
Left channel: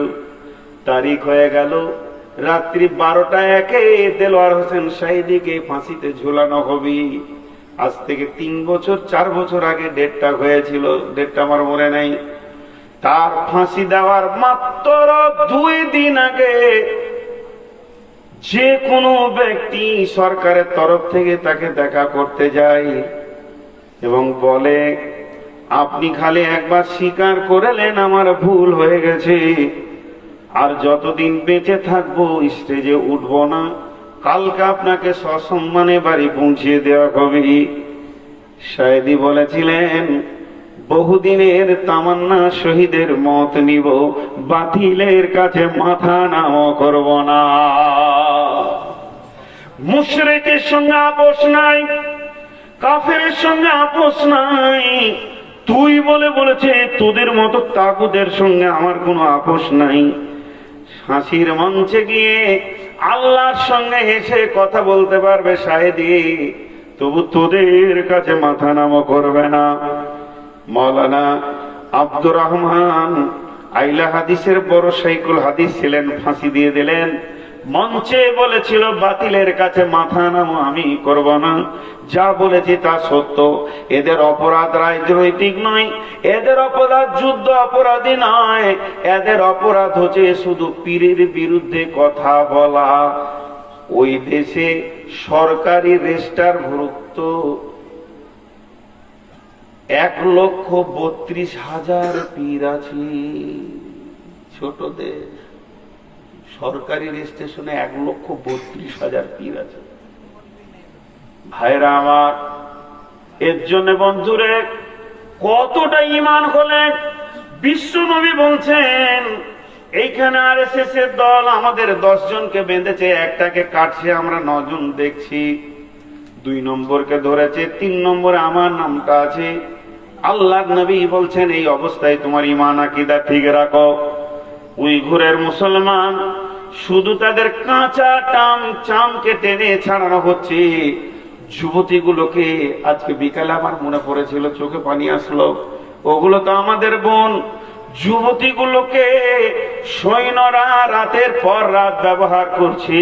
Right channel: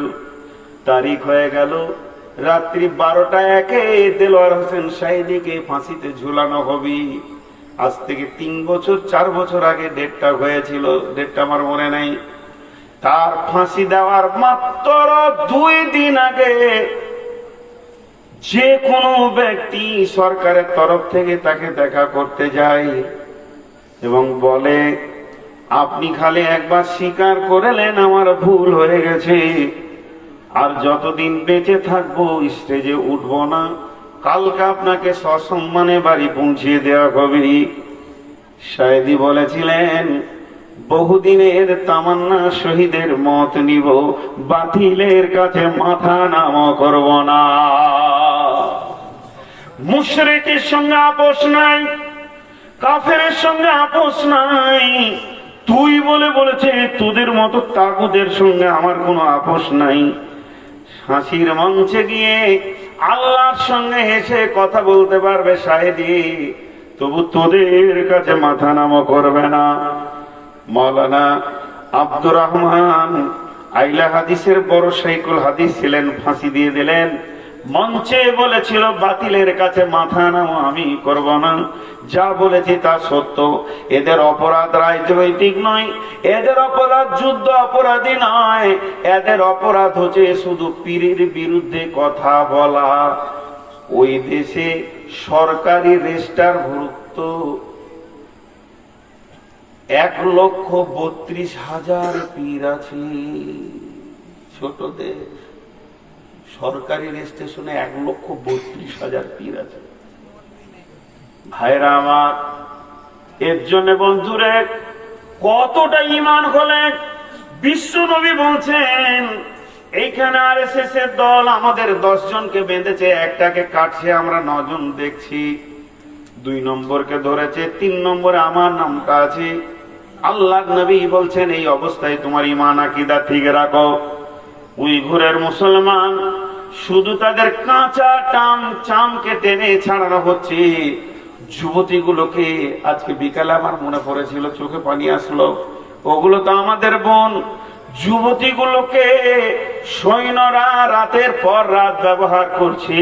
তারিখ হয়ে গেল। রাত্রি 12টা 1-এ দেলোয়ার হোসেন শাহেদিকে ফাঁসিতে ঝুলানো হবে। আজ থেকে 3 বছর 4 বছর আগে ডেটটা হয়েছিল, ডেটটা আমার মনে নেই। তার ফাঁসি দেওয়ার মাত্র 2 দিন আগে যে কোনো ব্যক্তি সরকারের তরফ থেকে তাকে দেখা করতে যায় এবং বলে, আপনি খালি একবার স্বীকার করলেন আমার ভুল হয়ে গেছে, আর যতদিন বেঁচে থাকবো স্টেজে উঠবো না, কালকে আপনাকে সসম্মানে বাড়ি পৌঁছিয়ে দেওয়া হবে। সায়েদি বলেছিলেন, বহুদিনের তামান্না শহীদের মত নিব, বাতিলের কাছে মাথা নাম করব না। মুশরিকের সঙ্গে আপোষ নাই, কাফেরের সঙ্গে আপোষ নাই। তুই বলেছে তোদের মতো তাগুদের সঙ্গে আমার কোনো আপোষ নাই। হাসির মঞ্চে গিয়ে আল্লাহর সঙ্গে হেসে কথা বলতে পারবে সাহেদি, তবু তোদের কাছে মাথা নাম করবে না। মৌলানা আব্দুর রহমান আইলা হাদিসের বড় শাইখুল হাদিস ছিলেন, ফাঁসি দিয়ে দিলেন। মঞ্চে বলেছিল বাতিলের কাছে মাথা নাও, আমি করব না। যা বলেছি তা সত্য। এদের অপরাধ রাজনৈতিক নয়, এদের অপরাধ যুদ্ধ অপরাধী নয়, এদের অপরাধ হচ্ছে শুধু পীরের বিরুদ্ধে কথা বলা। ওই দেশে সরকারি রেজিস্টারভুক্ত 1,32,000 পীর আছে। ছোট দেশ, সরকারি রেজিস্ট্রেশনে 1,32,000 পীর আছে। ভাইরা আমার, এর জন্য বন্ধুরে কতটা ঈমান হলে বিশ্ব নবী বলছেন, এইখানে আরএসএস এর দল আমাদের 10 জনকে বেঁধেছে, একটাকে কাটছে, আমরা 9 জন দেখছি। 2 নম্বরকে ধরেছে, 3 নম্বরে আমার নামটা আছে। আল্লাহ নবী বলছেন, এই অবস্থায় তোমার ঈমান আকীদা ঠিক রাখো। উইঘুরের মুসলমান শুধু তাদের কাঁচা চামকে টেনে ছাড়ানো হচ্ছে। যুবতীগুলোকে আজকে বিকালে আমার মনে পড়েছিল, চোখে পানি আসলো, ওগুলো তো আমাদের বোন। যুবতীগুলোকে সৈন্যরা রাতের পর রাত ব্যবহার করছে,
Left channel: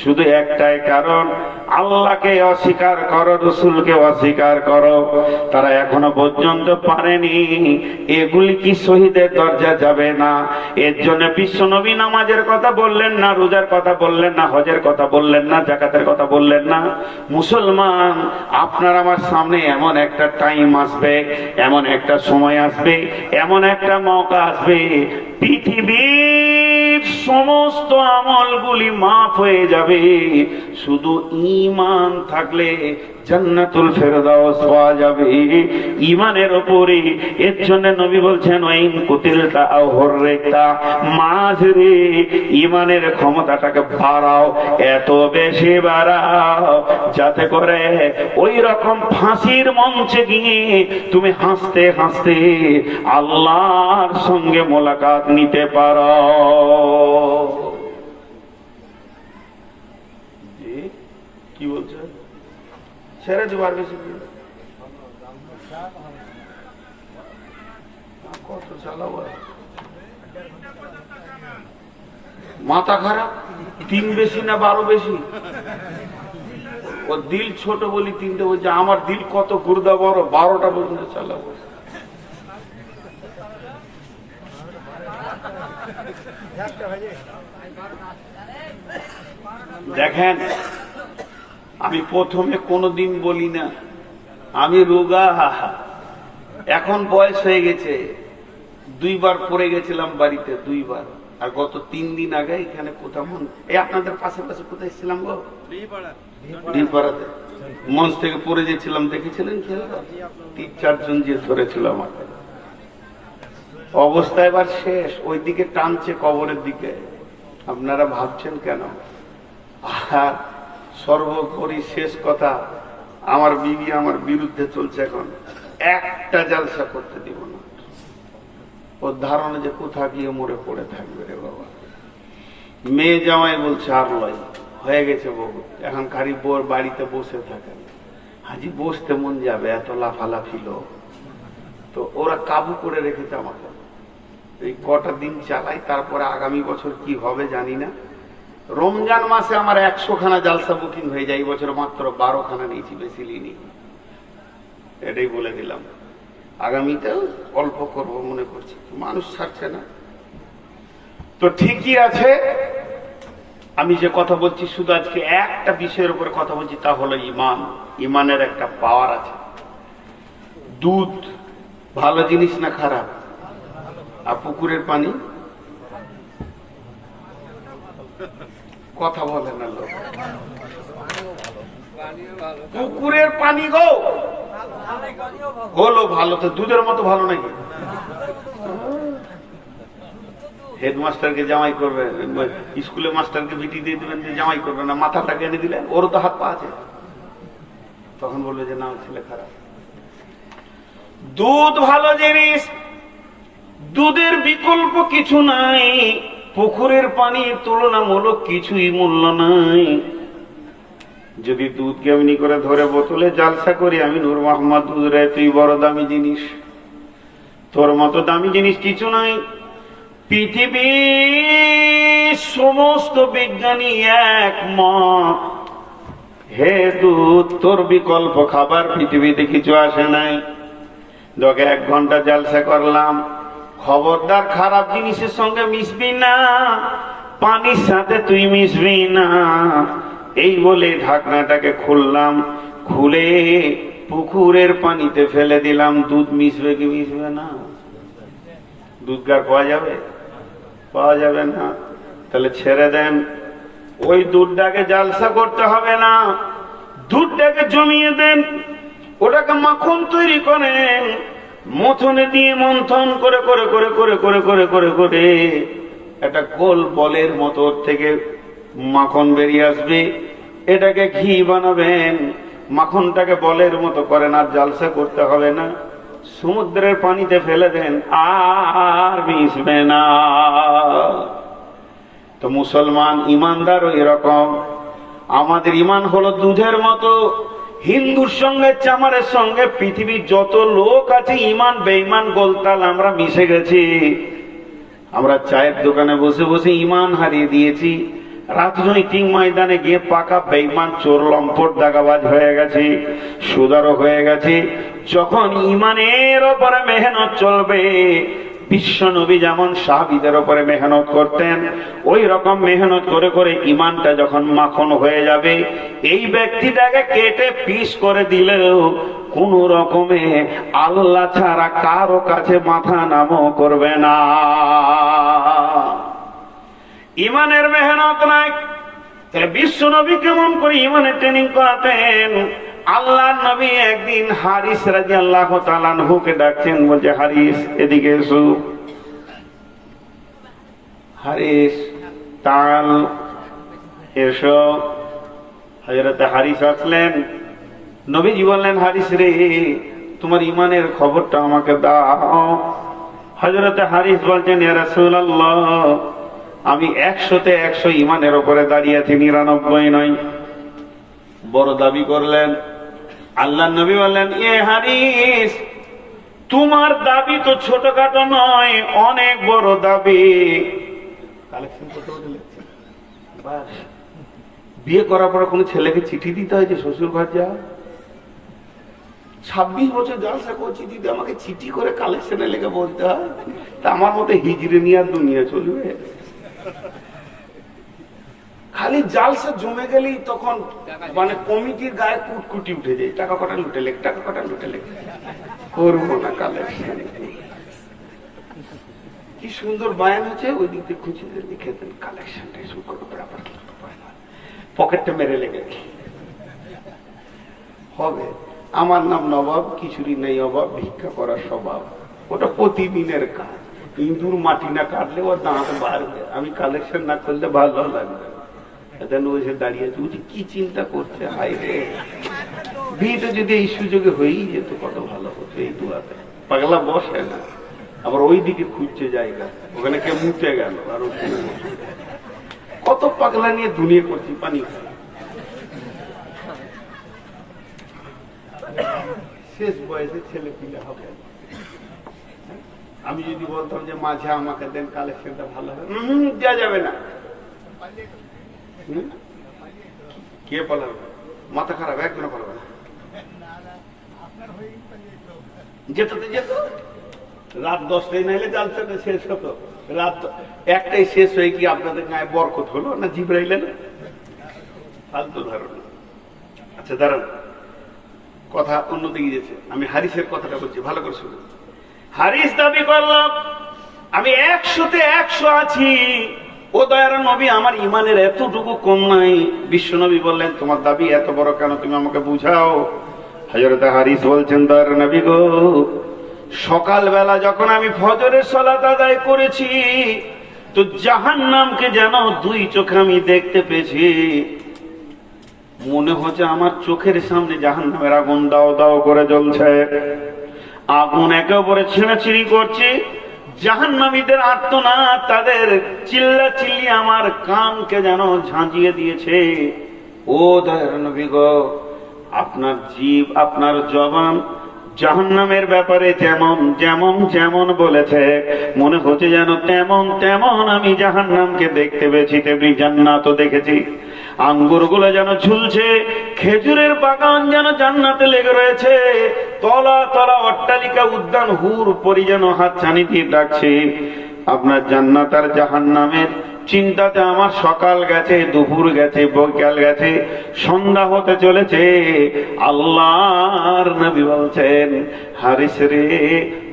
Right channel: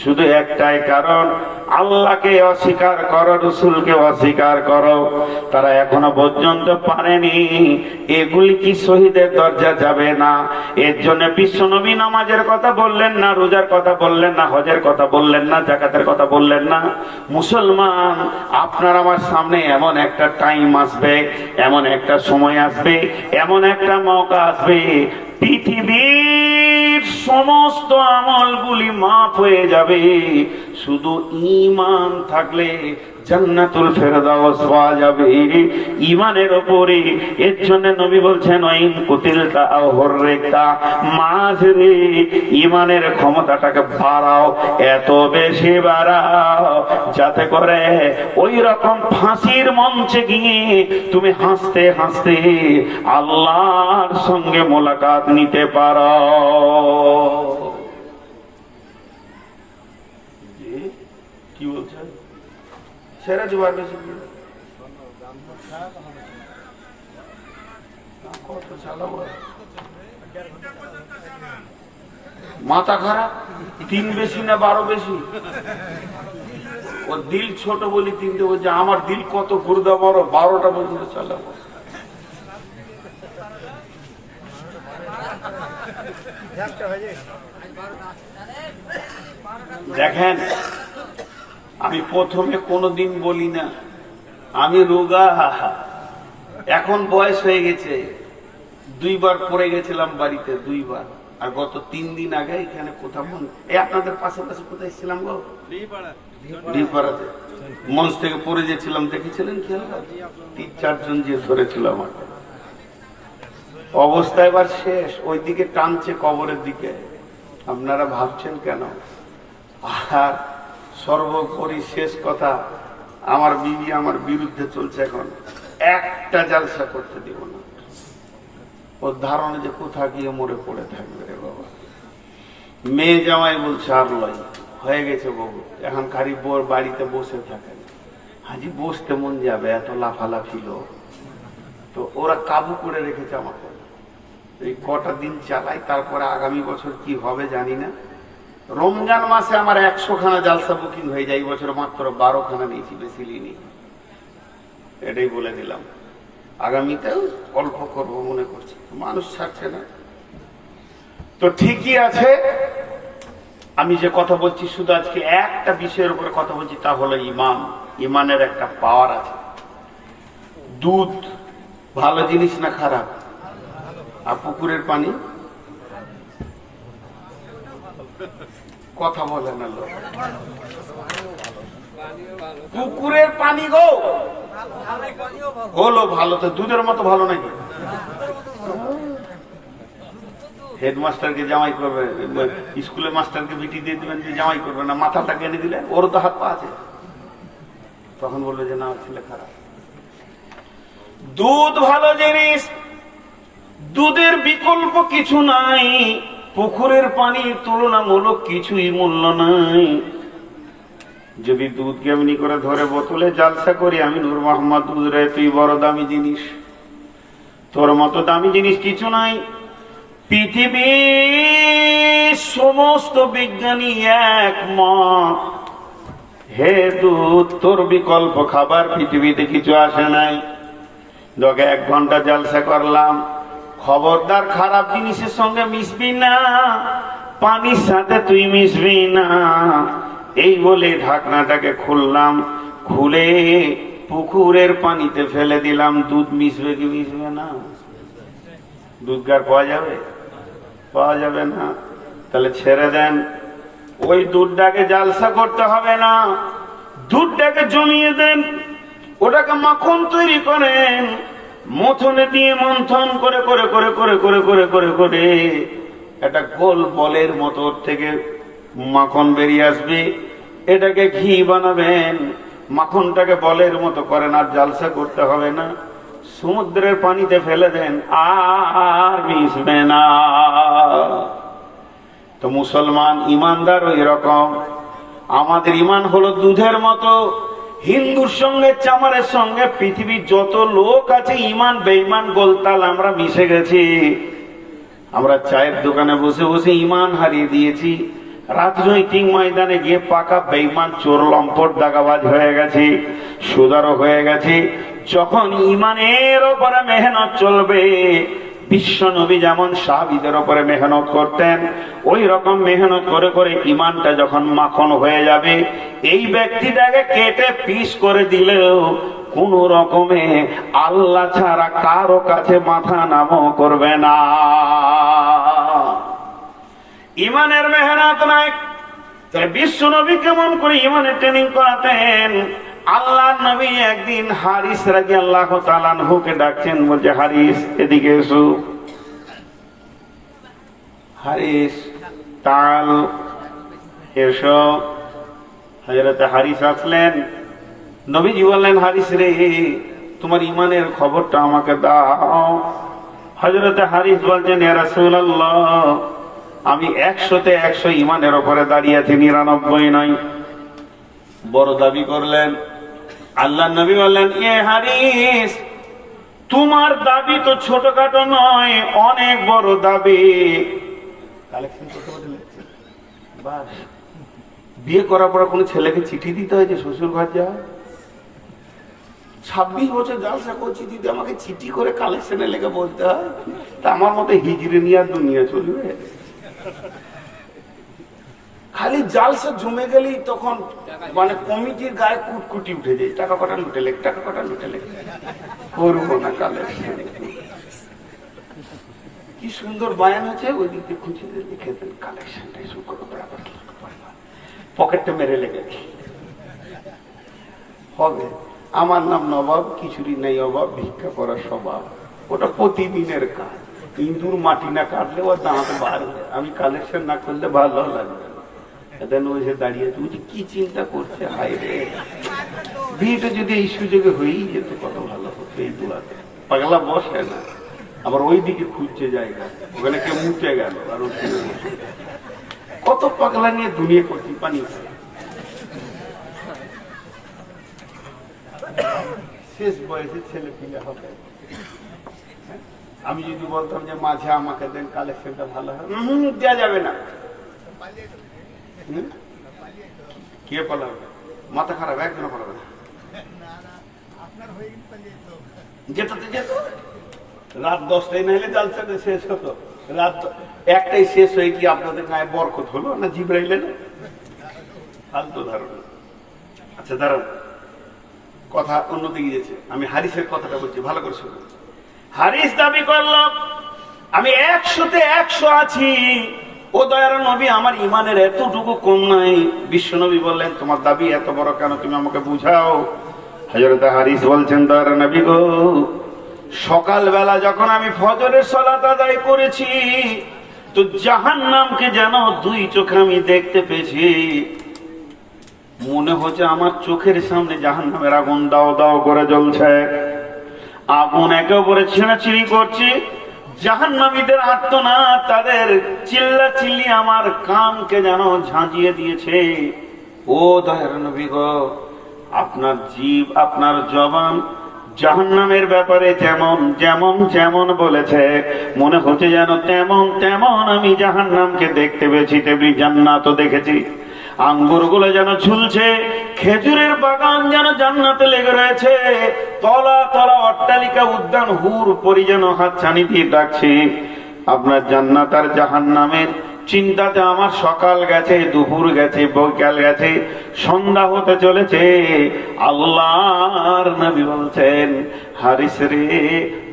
শুধু একটাই কারণ, আল্লাহকে অস্বীকার করো, রসুলকে অস্বীকার করো। তারা এখনো পর্যন্ত পারেনি। এগুলি কি শহীদের দরজা যাবে না? এর জন্য বিশ্বনবী নামাজের কথা বললেন না, রোজার কথা বললেন না, হজের কথা বললেন না, যাকাতের কথা বললেন না। মুসলমান, আপনার আমার সামনে এমন একটা টাইম আসবে, এমন একটা সময় আসবে, এমন একটা মৌকা আসবে, পৃথিবীর সমস্ত আমলগুলি মাফ হয়ে যাবে, শুধু ঈমান থাকলে জান্নাতুল ফেরদাউস পাওয়া যাবে ঈমানের উপরে। এর জন্য নবী বলছেন, ওয়াইন কুতিলতা আও হুররিকতা, মাঝরে ঈমানের ক্ষমতাটাকে বাড়াও, এত বেশি বাড়াও যাতে করে ওই রকম ফাঁসির মঞ্চে গিয়ে তুমি হাসতে হাসতে আল্লাহর সঙ্গে মোলাকাত নিতে পারো। কি বলছে? ছেড়ে দেবার বেশি কত চালাবো, মাথা খারাপ। 3 বেশি না 12 বেশি? ও দিল ছোট বলি 3টে বলছে, আমার দিল কত গুর্দা বড়, 12টা পর্যন্ত চালাবো। দেখেন, আমি প্রথমে কোনোদিন বলি না আমি রোগা, এখন বয়স হয়ে গেছে। 2 বার পড়ে গেছিলাম বাড়িতে, 2 বার। আর গত 3 দিন আগে এখানে কোথাও আপনাদের পাশে পাশে কোথায় ছিলাম গো, ডিপাড়াতে মঞ্চ থেকে পড়ে গেছিলাম, দেখেছিলেন? 3-4 জন যে ধরেছিল আমাকে। অবস্থা এবার শেষ, ওই দিকে টানছে কবরের দিকে। আপনারা ভাবছেন কেন? আর সর্বোপরি শেষ কথা, আমার বিবি আমার বিরুদ্ধে চলছে, এখন একটা জালসা করতে দিব না। ওর ধারণা যে কোথা গিয়ে মরে পড়ে থাকবে রে বাবা। মেয়ে জামাই বলছে আর লয়, হয়ে গেছে বহু, এখন খালি বোর বাড়িতে বসে থাকে। হাজি বসতে মন যাবে, এত লাফালাফি লোক। তো ওরা কাবু করে রেখেছে আমাকে। এই কটা দিন চালাই, তারপরে আগামী বছর কি হবে জানি না। রমজান মাসে আমার 100 খানা জালসা বুকিং হয়ে যায়, এই বছর মাত্র 12 খানা নিয়েছি, বেশি নিইনি। এটাই বলে দিলাম, আগামীতেও অল্প করব মনে করছি, মানুষ ছাড়ছে না। তো ঠিকই আছে, আমি যে কথা বলছি শুধু আজকে একটা বিষয়ের উপরে কথা বলছি, তা হলো ঈমান। ঈমানের একটা পাওয়ার আছে। দুধ ভালো জিনিস না খারাপ? আর পুকুরের পানি কথা বলে না লোক। পুকুরের পানি গো হলো ভালো, তো দুধের মতো ভালো নাকি? হেডমাস্টারকে জামাই করবে, স্কুলের মাস্টারকে বিটি দিয়ে দিবেন যে জামাই করবে না, মাথাটাকে এনে দিলেন, ওরও তো হাত পা আছে, তখন বলবে যে না ছেলে খারাপ। দুধ ভালো জিনিস, দুধের বিকল্প কিছু নাই, পুকুরের পানির তুলনামূলক কিছুই মূল্য নাই। যদি দুধকে এমনি করে ধরে বোতলে জালসা করি, আমি নূর মোহাম্মদ দুধ রে তুই বড় দামি জিনিস, তোর মতো দামি জিনিস কিছু নাই। পৃথিবীর সমস্ত বিজ্ঞানী একমত, হে দুধ তোর বিকল্প খাবার পৃথিবীতে কিছু আসে নাই। লোকে 1 ঘন্টা জালসা করলাম, খবরদার খারাপ জিনিসের সঙ্গে মিশবি না, পানির সাথে তুই মিশবি না। এই বলে ঢাকনাটাকে খুললাম, খুলে পুকুরের পানিতে ফেলে দিলাম। দুধ মিশবে কি মিশবে না? দুধ গার পাওয়া যাবে? পাওয়া যাবে না। তাহলে ছেড়ে দেন, ওই দুধটাকে জালসা করতে হবে না, দুধটাকে জমিয়ে দেন, ওটাকে মাখন তৈরি করেন, মথনে দিয়ে মন্থন করে করে করে করে করে করে করে করে একটা গোল বলের মতো থেকে মাখন বেরিয়ে আসবে, এটাকে ঘি বানাবেন। মাখনটাকে বলের মতো করেন, আর জালসা করতে হবে না, সমুদ্রের পানিতে ফেলে দেন, আর মিশবে না। তো মুসলমান ইমানদার ওই রকম, আমাদের ইমান হলো দুধের মতো। হিন্দুর সঙ্গে চামারের সঙ্গে পৃথিবীর যত লোক আছে ইমান বেঈমান গোলতাল আমরা মিশে গেছি। আমরা চায়ের দোকানে বসে বসে ইমান হারিয়ে দিয়েছি, রাজনৈতিক ময়দানে গিয়ে পাকা বেঈমান চোর লম্পট দাগাবাজ হয়ে গেছে, সুদারও হয়ে গেছে। যখন ইমানের ওপরে মেহনত চলবে, বিশ্ব নবী যেমন সাহাবীদের উপরে মেহনত করতেন, ওই রকম মেহনত করে করে ইমানটা যখন মাখন হয়ে যাবে, এই ব্যক্তিটাকে কেটে পিস করে দিলেও কোন রকমে আল্লাহ ছাড়া কারো কাছে মাথা নামও করবে না। ইমানের মেহনত নাই। বিশ্ব নবী কেমন করে ইমানের ট্রেনিং করাতেন? আল্লাহ নবী একদিন হারিস রাদিয়াল্লাহু তাআলা আনহুকে ডাকছেন, বলছে হারিস এদিকে এসো। হারিস তাল এসো। হযরত হারিস আসলেন, নবীজি বললেন হারিস রে তোমার ইমানের খবরটা আমাকে দাও। হযরত হারিস বলছেন ইয়া রাসূলুল্লাহ আমি 100-তে 100 ইমানের উপরে দাঁড়িয়ে আছি, 99 নয়। বড় দাবি করলেন। আল্লাহ নবী বললেন এ হারিস তোমার দাবি তো ছোটখাটো নয়, অনেক বড় দাবি। বিয়ে করার পর কোন ছেলেকে চিঠি দিতে হয় যে শ্বশুর ঘর যা? 26 বছর জালসা করছি, দিদি আমাকে চিঠি করে কালেকশনে লেগে বলতে হয়? তা আমার মতো হিজড়ে নিয়ে আর দুনিয়া চলবে? খালি জালসা জমে গেলেই তখন মানে কমিটির গায়ে কুটকুটি উঠে যায়, টাকা কটা লুটে লেখ, টাকা কটা লুটে লেখ, করবো না কালেকশন। কি সুন্দর বায়ান হচ্ছে, ওই দিক দিয়ে খুঁজে লিখে দেন কালেকশনটা শুরু করবো, পকেটটা মেরে লেগে হবে। আমার নাম নবাব, কিছুরই নেই অভাব, ভিক্ষা করার স্বভাব। ওটা প্রতিদিনের কাজ, ইঁদুর মাটি না কাটলে ওর দাঁত বার হয়ে, আমি কালেকশন না করলে ভালো লাগবে না। দাঁড়িয়ে কি চিন্তা করছে, হাই রে বিয়েটা যদি এই সুযোগে হয়েই যেত কত ভালো হতো। এই দুয়াতে পাগলা বসে না, আবার ওই দিকে খুঁজছে জায়গা, ওখানে কে মুচে গেল, আর কত পাগলা নিয়ে দুনিয়া করছি। পানি শেষ বয়সে ছেলে পিলে হবে। আমি যদি বলতাম যে মাঝে আমাকে দেন, কালেকশনটা ভালো হবে, দেওয়া যাবে না। কে পালাবে? মাথা খারাপ, একজন পালাবে না। যেত রাত 10টায় নাইলে জালসাটা শেষ হতো, রাত 1টায় শেষ হয়ে কি আপনাদের গায়ে বরকত হলো না? জিবরাইল এলো? ফালতু ধারণা। আচ্ছা দাঁড়ান, কথা অন্যদিকে গেছে, আমি হারিসের কথাটা বলছি, ভালো করে শুনুন। হারিস দাবি করলাম আমি 100-তে 100 আছি। ও দয়ার নবী, আমার ইমানের এতটুকু কম নাই। বিশ্ব নবী বললেন, তোমার দাবি এত বড় কেন, তুমি আমাকে বুঝাও। হযরত হারিস বলছেন, দয়ার নবী গো, সকালবেলা যখন আমি ফজরের সালাত আদায় করেছি তো জাহান্নামকে যেন 2 চোখে আমি দেখতে পেয়েছি। মনে হচ্ছে আমার চোখের সামনে জাহান্নামের আগুন দাও দাও করে জ্বলছে। আগুন একে অপরে ছিঁড়াছিঁড়ি করছে। জাহান্নামীদের আর্তনাদ, তাদের চিল্লা চিল্লি আমার কানকে যেন ঝাঁঝিয়ে দিয়েছে। ও দয়ার নবী গো, আপনার জীব, আপনার জবান জাহান্নামের ব্যাপারে যেমন যেমন যেমন বলেছে, মনে হচ্ছে যেন তেমন তেমন আমি জাহান্নামকে দেখতে পেয়েছি, তেমনি জান্নাতও দেখেছি। আঙ্গুরগুলো যেন ঝুলছে, খেজুরের বাগান যেন জান্নাতে লেগে রয়েছে, তলা তলা অট্টালিকা, উদ্যান, হুর পরি যেন হাতছানি দিয়ে ডাকছে। আপনার জান্নাত আর জাহান্নামের চিন্তাতে আমার সকাল গেছে, দুপুর গেছে, বৈকাল গেছে, সন্ধ্যা হতে চলেছে। আল্লাহর নবী বলছেন, হারিস রে,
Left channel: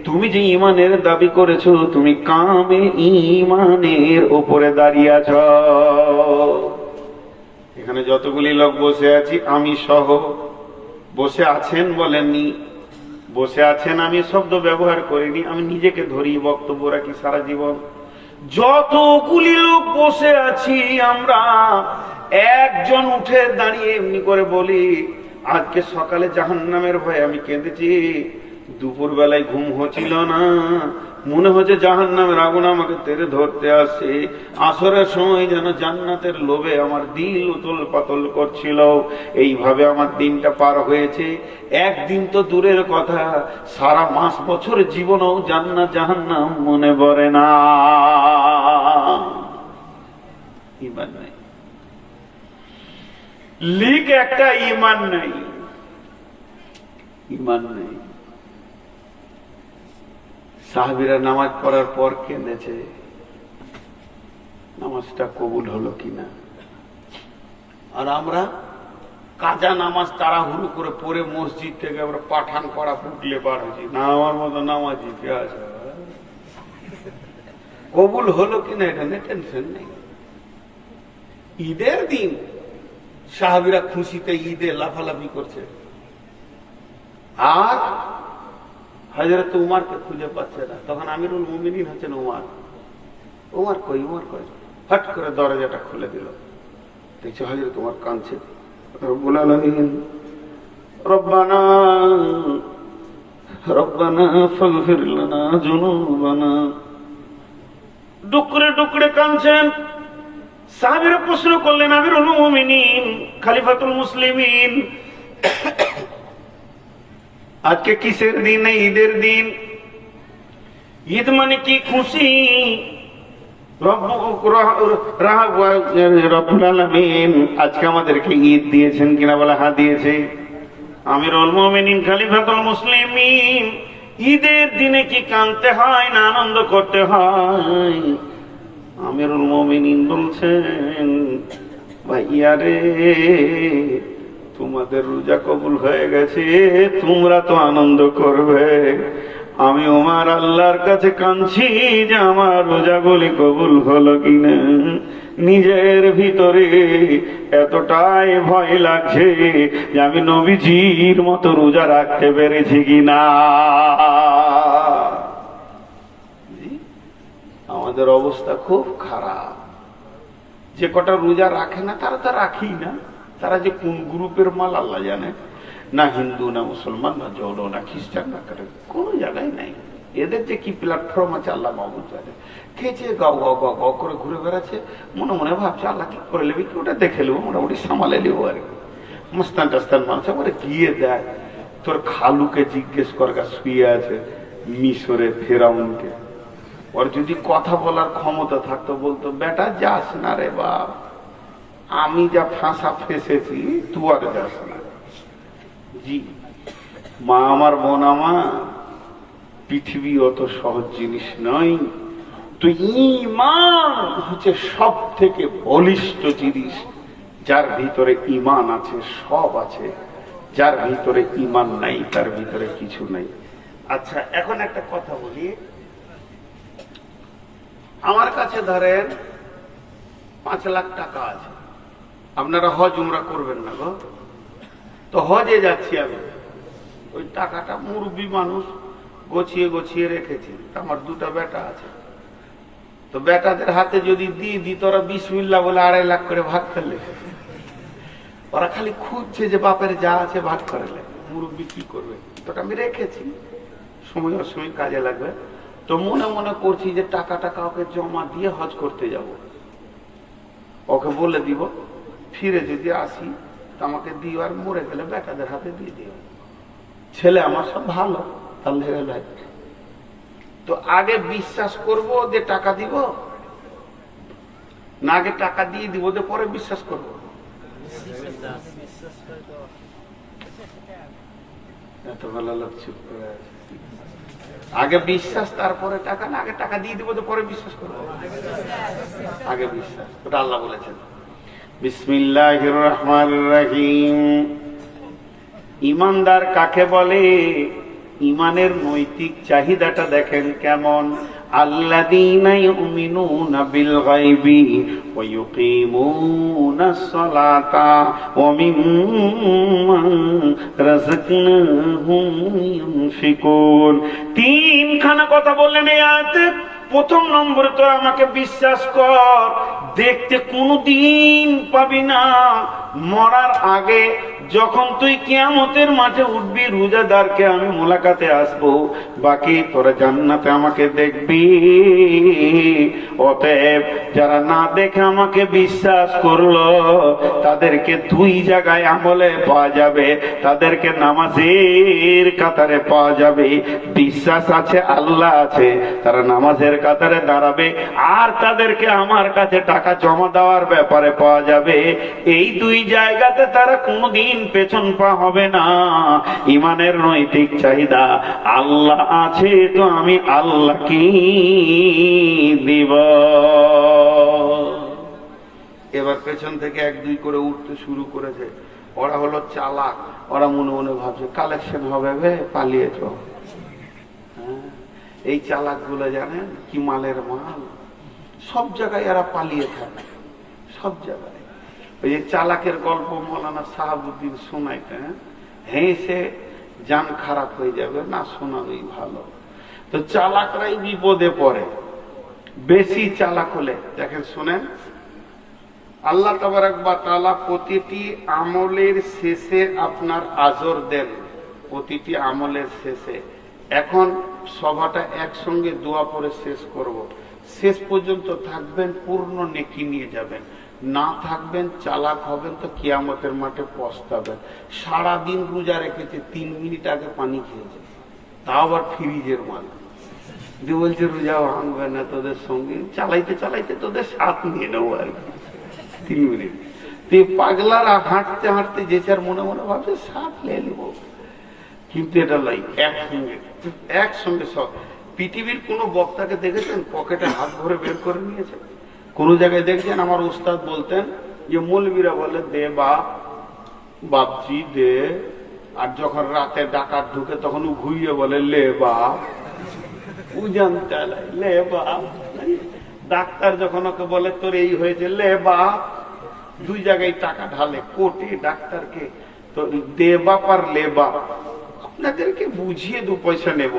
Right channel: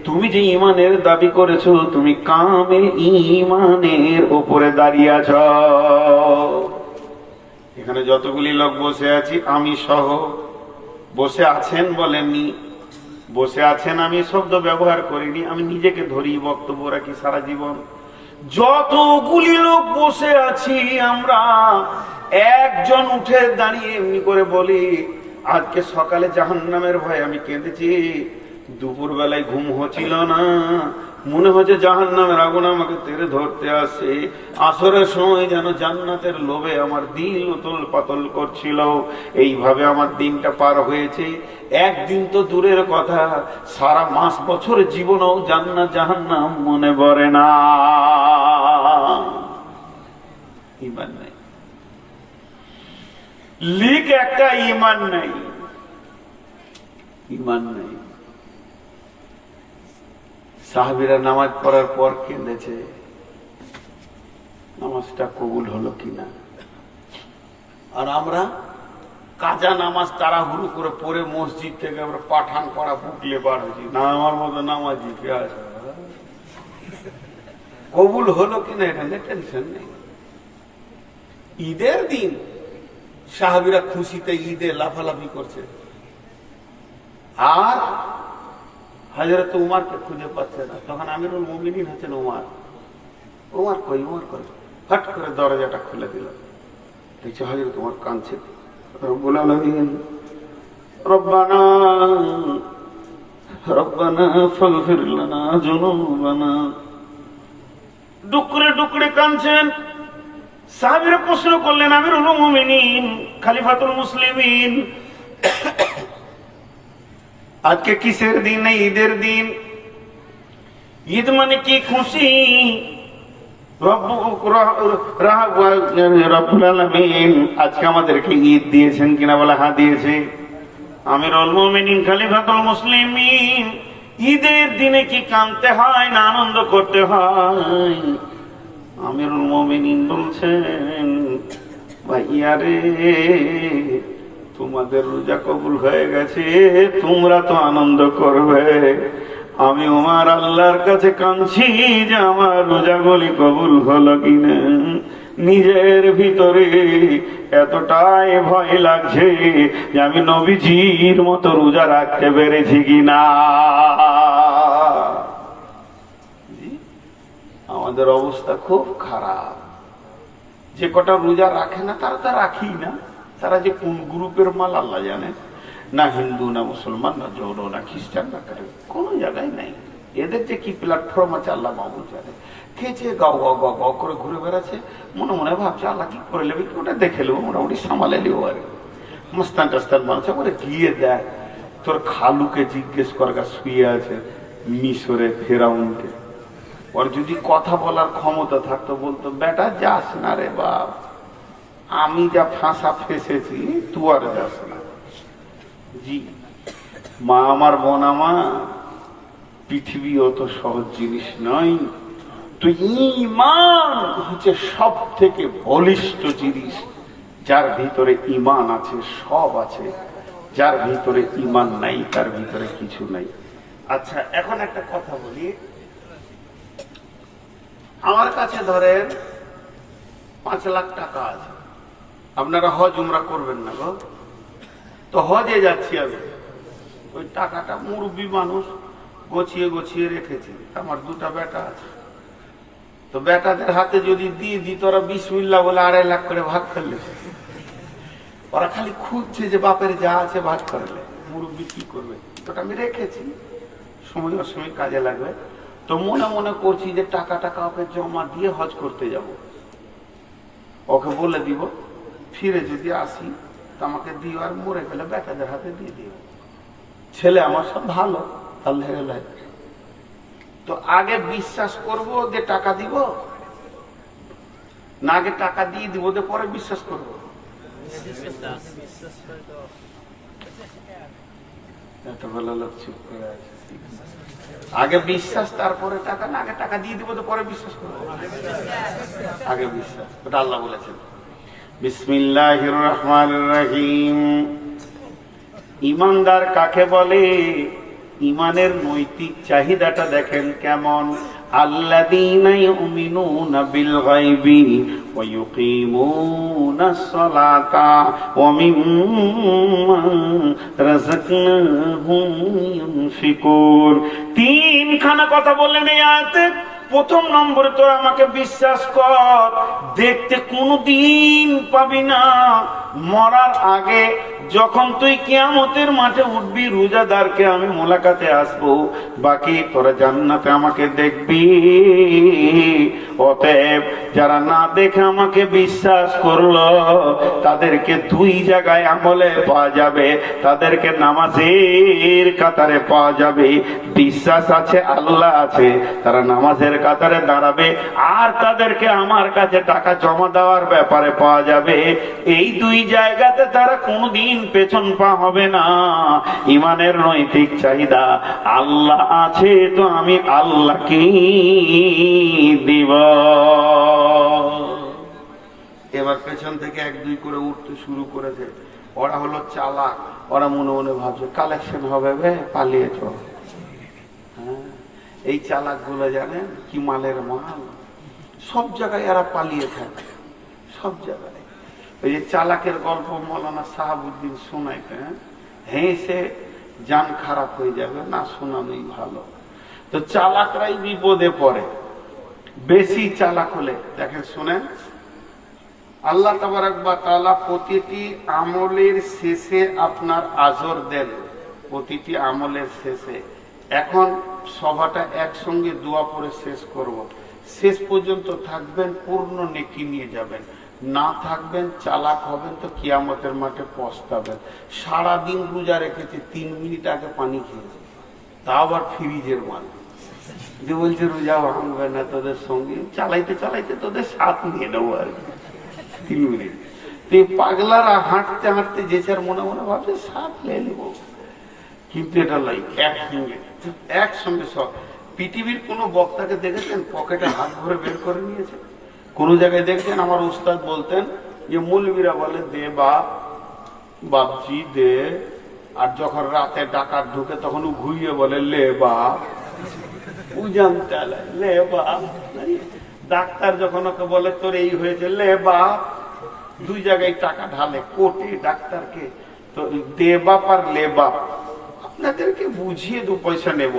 তুমি যে ইমানের দাবি করেছো, তুমি কামিল ইমানের উপরে দাঁড়িয়ে আছো। এখানে যতগুলি লোক বসে আছি, আমি সহ, বসে আছেন বলেননি, বসে আছেন আমি শব্দ ব্যবহার করিনি, আমি নিজেকে ধরি বক্তব্য রাখি সারা জীবন। যতগুলি লোক বসে আছি আমরা, একজন উঠে দাঁড়িয়ে এমনি করে বলি, আজকে সকালে জাহান্নামের ভয়ে আমি কেঁদেছি, দুপুর বেলায় ঘুম হচ্ছিল না, মনে হচ্ছে জাহান্নামের আগুন আমাকে তেড়ে ধরতে আসে, আসরের সময় যেন জান্নাতের লোভে আমার দিল উতল পাতল করছিল। এইভাবে আমার দিনটা পার হয়েছে। একদিন তো দূরের কথা, সারা মাস বছর জীবনেও জান্নাত জাহান্নাম মনে পড়ে না। ইমান নাই, লিক একটা ইমান নাই, ইমান নাই। সাহাবীরা নামাজ পড়ার পর কেঁদেছে, নামাজটা কবুল হলো কিনা। আর আমরা কাজা নামাজ তাড়াহুড়ো করে পড়ে মসজিদ থেকে আমরা পাঠান করা ফুটলে বার হয়েছি, না আমার মতো নামাজি পেঁয়াজ। কবুল হলো কিনা এটা নিয়ে টেনশন নেই। ঈদের দিন সাহাবীরা খুশিতে ঈদে লাফালাফি করছে, আর হযরত উমারকে খুঁজে পাচ্ছে না। তখন আমিরুল মুমিনিন হচ্ছেন উমার। উমার কই, উমার কই, হট করে দরজাটা খুলে দিল। দেখছো হযরত উমার কাঁদছে। রব্বুল আলামিন, রব্বানা রব্বানা ফাগফির লানা যুনুবানা। ডুকরে ডুকরে কাঁদছেন। সাহাবীরা প্রশ্ন করলেন, আমিরুল মুমিনিন, খলিফাতুল মুসলিমিন, আজকে কিসের দিন? ঈদের দিন। ঈদ মানে কি? খুশি। রব্বুল আলামিন আজকে আমাদেরকে ঈদ দিয়েছেন কিনা? বলে হ্যাঁ দিয়েছে। আমিরুল মুমিনিন, খলিফাতুল মুসলিমিন, ঈদের দিনে কি কাঁদতে হয় না আনন্দ করতে হয়? আমিরুল মুমিনিন বলছেন, ভাইয়া রে, তোমাদের রোজা কবুল হয়ে গেছে, তোমরা তো আনন্দ করবে। আমি উমার আল্লাহর কাছে কাঁদছি যে আমার রোজাগুলি কবুল হলো কিনা। নিজের ভিতরে এতটাই ভয় লাগছে যে আমি নবীজির মতো রোজা রাখতে পেরেছি কিনা। আমাদের অবস্থা খুব খারাপ। যে কটা রোজা রাখে না তারা তো রাখেই না। তারা যে কোন গ্রুপের মাল আল্লাহ জানে। না হিন্দু, না মুসলমান, না জৌন, না খ্রিস্টান, না কারো কোন জায়গায় নাই। এদের যে কি প্ল্যাটফর্ম আছে আল্লাহ মাহবুব জানে। কে যে গাও গাও গাও গাও করে ঘুরে বেড়াচ্ছে, মনে মনে ভাবছে আল্লাহ কি করে নেবে, কি ওটা দেখে নেবো, মোটামুটি সামালে নেবো আর কি। মুস্তান টাস্তান মানুষ বলে গিয়ে দেখ, তোর খালুকে জিজ্ঞেস করা শুয়ে আছে মিশরে ফেরাউনকে। ওর যদি কথা বলার ক্ষমতা থাকতো বলতো, বেটা যাস না রে বাপ, আমি যা ফাঁসা ফেসেছি তু আর যাস না। জি মা আমার, বোন আমার, পৃথিবী অত সহজ জিনিস নয়। তো ঈমান হচ্ছে সব থেকে বলিষ্ঠ জিনিস। যার ভিতরে ঈমান আছে সব আছে, যার ভিতরে ঈমান নাই তার ভিতরে কিছু নাই। আচ্ছা, এখন একটা কথা বলি। আমার কাছে ধরেন 5 লাখ টাকা আছে, আপনারা হজ উমরা করবেন না গো, তো হজে যাচ্ছি আমি। ওই টাকাটা মুরব্বী মানুষ গছিয়ে গছিয়ে রেখেছি, আমার 2টা বেটা আছে, তো বেটাদের হাতে যদি দিয়ে দিই, তোরা বিসমিল্লাহ বলে 2.5 লাখ করে ভাগ করলে, ওরা খালি খুঁজছে যে বাপের যা আছে ভাগ করলে, মুরব্বী কি করবে? তো আমি রেখেছি, সময় অসময় কাজে লাগবে। তো মনে মনে করছি যে টাকাটা কাউকে জমা দিয়ে হজ করতে যাব, ওকে বলে দিব ফিরে যদি আসি তো আমাকে দিও, আর মরে গেলে বেটাদের হাতে দিয়ে দিও। ছেলে আমার সব ভালো, আল্লাহ। তো আগে বিশ্বাস করব যে টাকা দিব, না আগে টাকা দিয়ে দিব যে পরে বিশ্বাস করব? এত ভালো লোক চুপ করে আছে। আগে বিশ্বাস তারপরে টাকা, না আগে টাকা দিয়ে দিব তো পরে বিশ্বাস করবো? আগে বিশ্বাস। ওটা আল্লাহ বলেছেন। বিসমিল্লাহির রহমানির রহিম। ইমানদার কাকে বলে? ইমানের নৈতিক চাহিদাটা দেখেন কেমন। আল্লাযীনা ইউমিনুনা বিল গায়বি ওয়া ইউকিমুনাস সালাতা ওয়া মিম্মা রাযাকনাহুম ইউনফিকুন। 3খানা কথা বললেন এই আয়াতে। প্রথম নম্বরে তো আমাকে বিশ্বাস কর, দেখতে কোনদিন পাবি না মরার আগে যখন তুই কিয়ামতের মাঠে উঠবি, রোজাদারকে আমি মোলাকাতে আসবো, বাকি তোরা জান্নাতে আমাকে দেখবি। অতএব যারা না দেখে আমাকে বিশ্বাস করলো তাদেরকে 2 জায়গায় আমলে পাওয়া যাবে। তাদেরকে নামাজের কাতারে পাওয়া যাবে, বিশ্বাস আছে আল্লাহ আছে, তারা নামাজের কাতারে দাঁড়াবে, আর তাদেরকে আমার কাছে টাকা জমা দেওয়ার ব্যাপারে পাওয়া যাবে। এই 2 জায়গাতে তারা কোনদিন পেছন পা হবে না। ইমানের নৈতিক চাহিদা, আল্লাহ আছে তো আমি আল্লাহকে দিব। এবার পেছন থেকে 1-2 করে উঠতে শুরু করেছে। ওরা হলো চালাক, ওরা মনে মনে ভাবছে কালেকশন হবে, পালিয়েছ। এই চালাক গুলো জানেন কি মালের মাল, সব জায়গায় এরা পালিয়ে থাকে, সব জায়গায়। ওই যে চালাকের গল্প মৌলানা সাহাবুদ্দিন শোনাইতে, হেসে জান খারাপ হয়ে যাবে, না শোনানোই ভালো। তো চালাকরাই বিপদে পড়ে, বেশি চালাক হলে। দেখেন শুনেন, আল্লাহ তাবারক ওয়া তাআলা প্রতিটি আমলের শেষে আপনার আজর দেন, প্রতিটি আমলের শেষে। এখন সভাটা একসঙ্গে দোয়া করে শেষ করব। শেষ পর্যন্ত থাকবেন, পূর্ণ নেকি নিয়ে যাবেন। না থাকবেন, চালাক হবেন, তো কিয়ামতের মাঠে পস্তাবেন। সারাদিন রোজা রেখেছে, 3 মিনিট আগে পানি খেয়েছে, তা আবার ফ্রিজের মাল যে বলছে রোজা ভাঙবে না, তোদের সঙ্গে চালাইতে চালাইতে তোদের সাথ নিয়ে নেবো আর কি 3 মিনিট। তো পাগলারা হাঁটতে হাঁটতে যে যার মনে মনে ভাবছে সাথ নিয়ে নেব, কিন্তু এটা লাই একসঙ্গে সব। পৃথিবীর কোন বক্তাকে দেখেছেন পকেটে হাত ভরে বের করে নিয়েছে? কোন জায়গায় দেখছেন? আমার উস্তাদ বলতেন যে মৌলবীরা বলে দে বাপ, বাপজি দে, আর যখন রাতে ডাকাত ঢুকে তখন ও ঘুরিয়ে বলে লে বাপ, ও জানতে লে বাপ। ডাক্তার যখন ওকে বলে তোর এই হয়েছে, লে বাপ। 2 জায়গায় টাকা ঢালে, কোর্টে ডাক্তারকে, তো দে বাপ আর লে বাপ। আপনাদেরকে বুঝিয়ে 2 পয়সা নেব।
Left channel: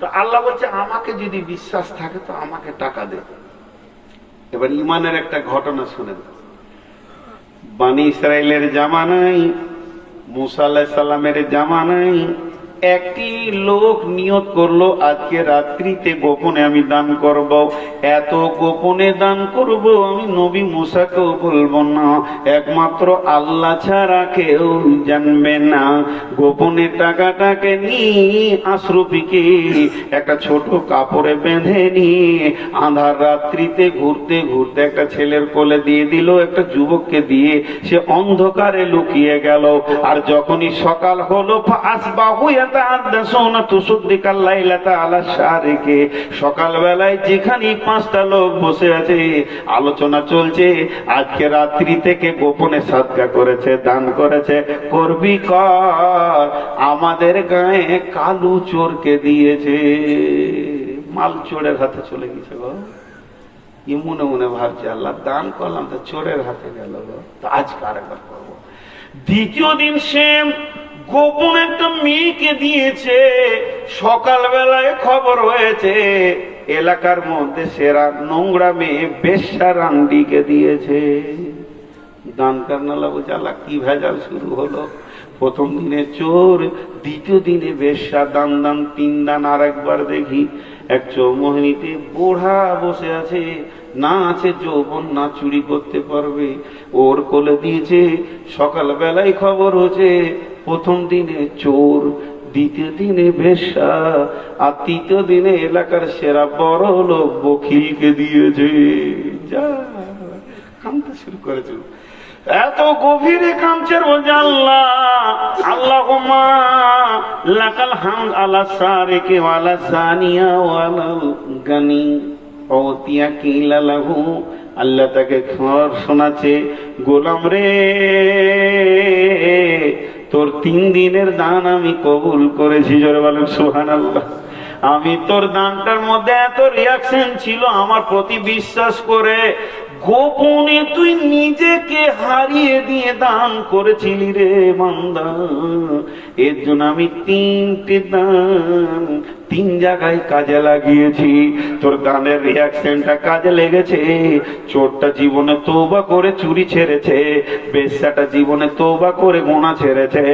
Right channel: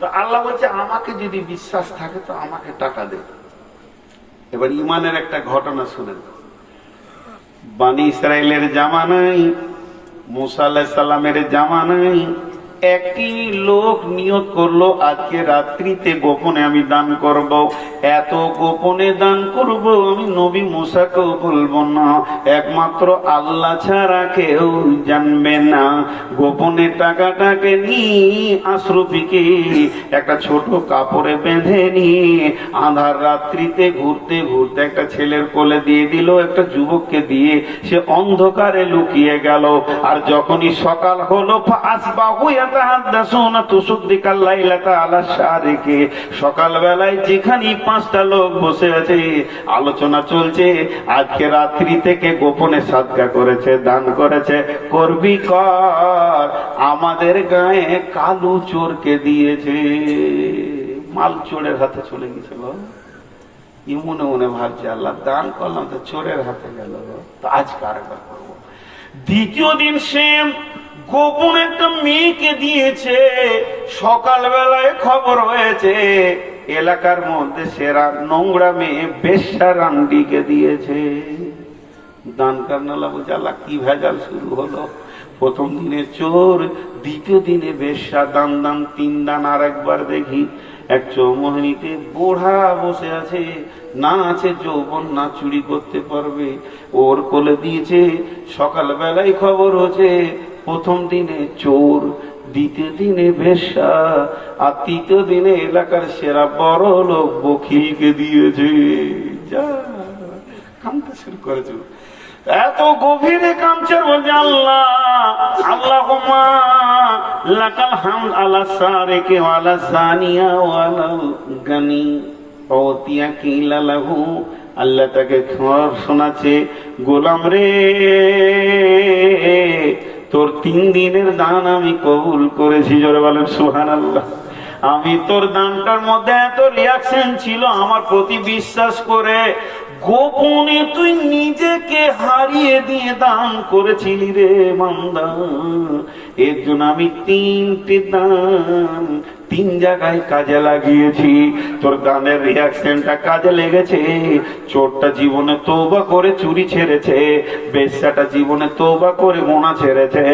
তো আল্লাহ বলছে আমাকে যদি বিশ্বাস থাকে তো আমাকে টাকা দে। এবার ইমানের একটা ঘটনা শুনেন। বনি ইসরাইলের জামানায়, মুসা আলাইহিস সালামের জামানায় একটি লোক নিয়ত করলো আজকে রাত্রিতে গোপনে আমি দান করব। এত গোপনে দান করব আমি নবী মুসাকেও বলবো না, একমাত্র আল্লাহ ছাড়া কেউ জানবে না। গোপনে টাকাটাকে নিয়ে আশরফিকে একটা ছোট কাপড়ে বেঁধে নিয়ে আঁধার রাত্রিতে ঘুরতে ঘুরতে একটা ছেলের কোলে দিয়ে দিল, একটা যুবককে দিয়ে সে অন্ধকারে লুকিয়ে গেল। আর যখনই সকাল হলো আসবাহু ইয়াতাহাদ্দাসুনা তুসাদ্দিকাল লাইলাতা আলা শারিকি, সকালবেলায় যেখানে 5টা লোক বসে আছে আলোচনা চলছে, আজকে রাত্রি থেকে গোপনে সাদকা করেছে, দান করেছে, করবি কর, আমাদের গায়ে কালু চোরকে দিয়েছে, মাল চোরের হাতে চলে গেছে। মনে মনে ভাবছে আল্লাহ দান করলাম তো চোরের হাতে গেল, তো আজ কারবার করবো। দ্বিতীয় দিন সে গোপন একটা মেয়েকে দিয়েছে, সকালবেলায় খবর হয়েছে এলাকার মধ্যে সেরা নোংরা মেয়ে বেশ্যা রান্ডিকে দিয়েছে। দান করনালা বলছে আল্লাহ কি ভেজাল শুরু হলো, প্রথম দিনে চোর, দ্বিতীয় দিনে বেশ্যা, দান দান 3 দান। আর একবার দেখি এক চৌমোহিনীতে বুড়া বসে আছে, না আছে যৌবন, না চুরি করতে পারবে, ওর কোলে দিয়েছে। সকালবেলায় খবর হচ্ছে প্রথম দিনে চোর, দ্বিতীয় দিনে বেশ্যা, আর তৃতীয় দিনে এলাকার সেরা বড় লোক বকিলকে দিয়েছে। যা কামতে শুরু করেছে, এত গভীরে কামচার বলছে আল্লাহ আল্লাহুম্মা লাকাল হামদ আলা সারিকি ওয়া আলা সানিয়া ওয়া আলা গানি ওতিয়া কিলা লাহু। আল্লাহ তাকে খবর শোনাচ্ছে, গোলাম রে তোর 3 দিনের দান আমি কবুল করেছি। জোরে বলেন সুবহানাল্লাহ। আমি তোর দানটার মধ্যে এত রিয়াকশন ছিল আমার প্রতি বিশ্বাস করে, গোপনে তুই নিজেকে হারিয়ে দিয়ে দান করেছিলি রে মান্দা। এর জন্য আমি 3টে দান 3 জায়গায় কাজে লাগিয়েছি। তোর দানের রিয়াকশনটা কাজে লেগেছে। চোরটা জীবনে তওবা করে চুরি ছেড়েছে, বেশ্যাটা জীবনে তওবা করে গোনা ছেড়েছে,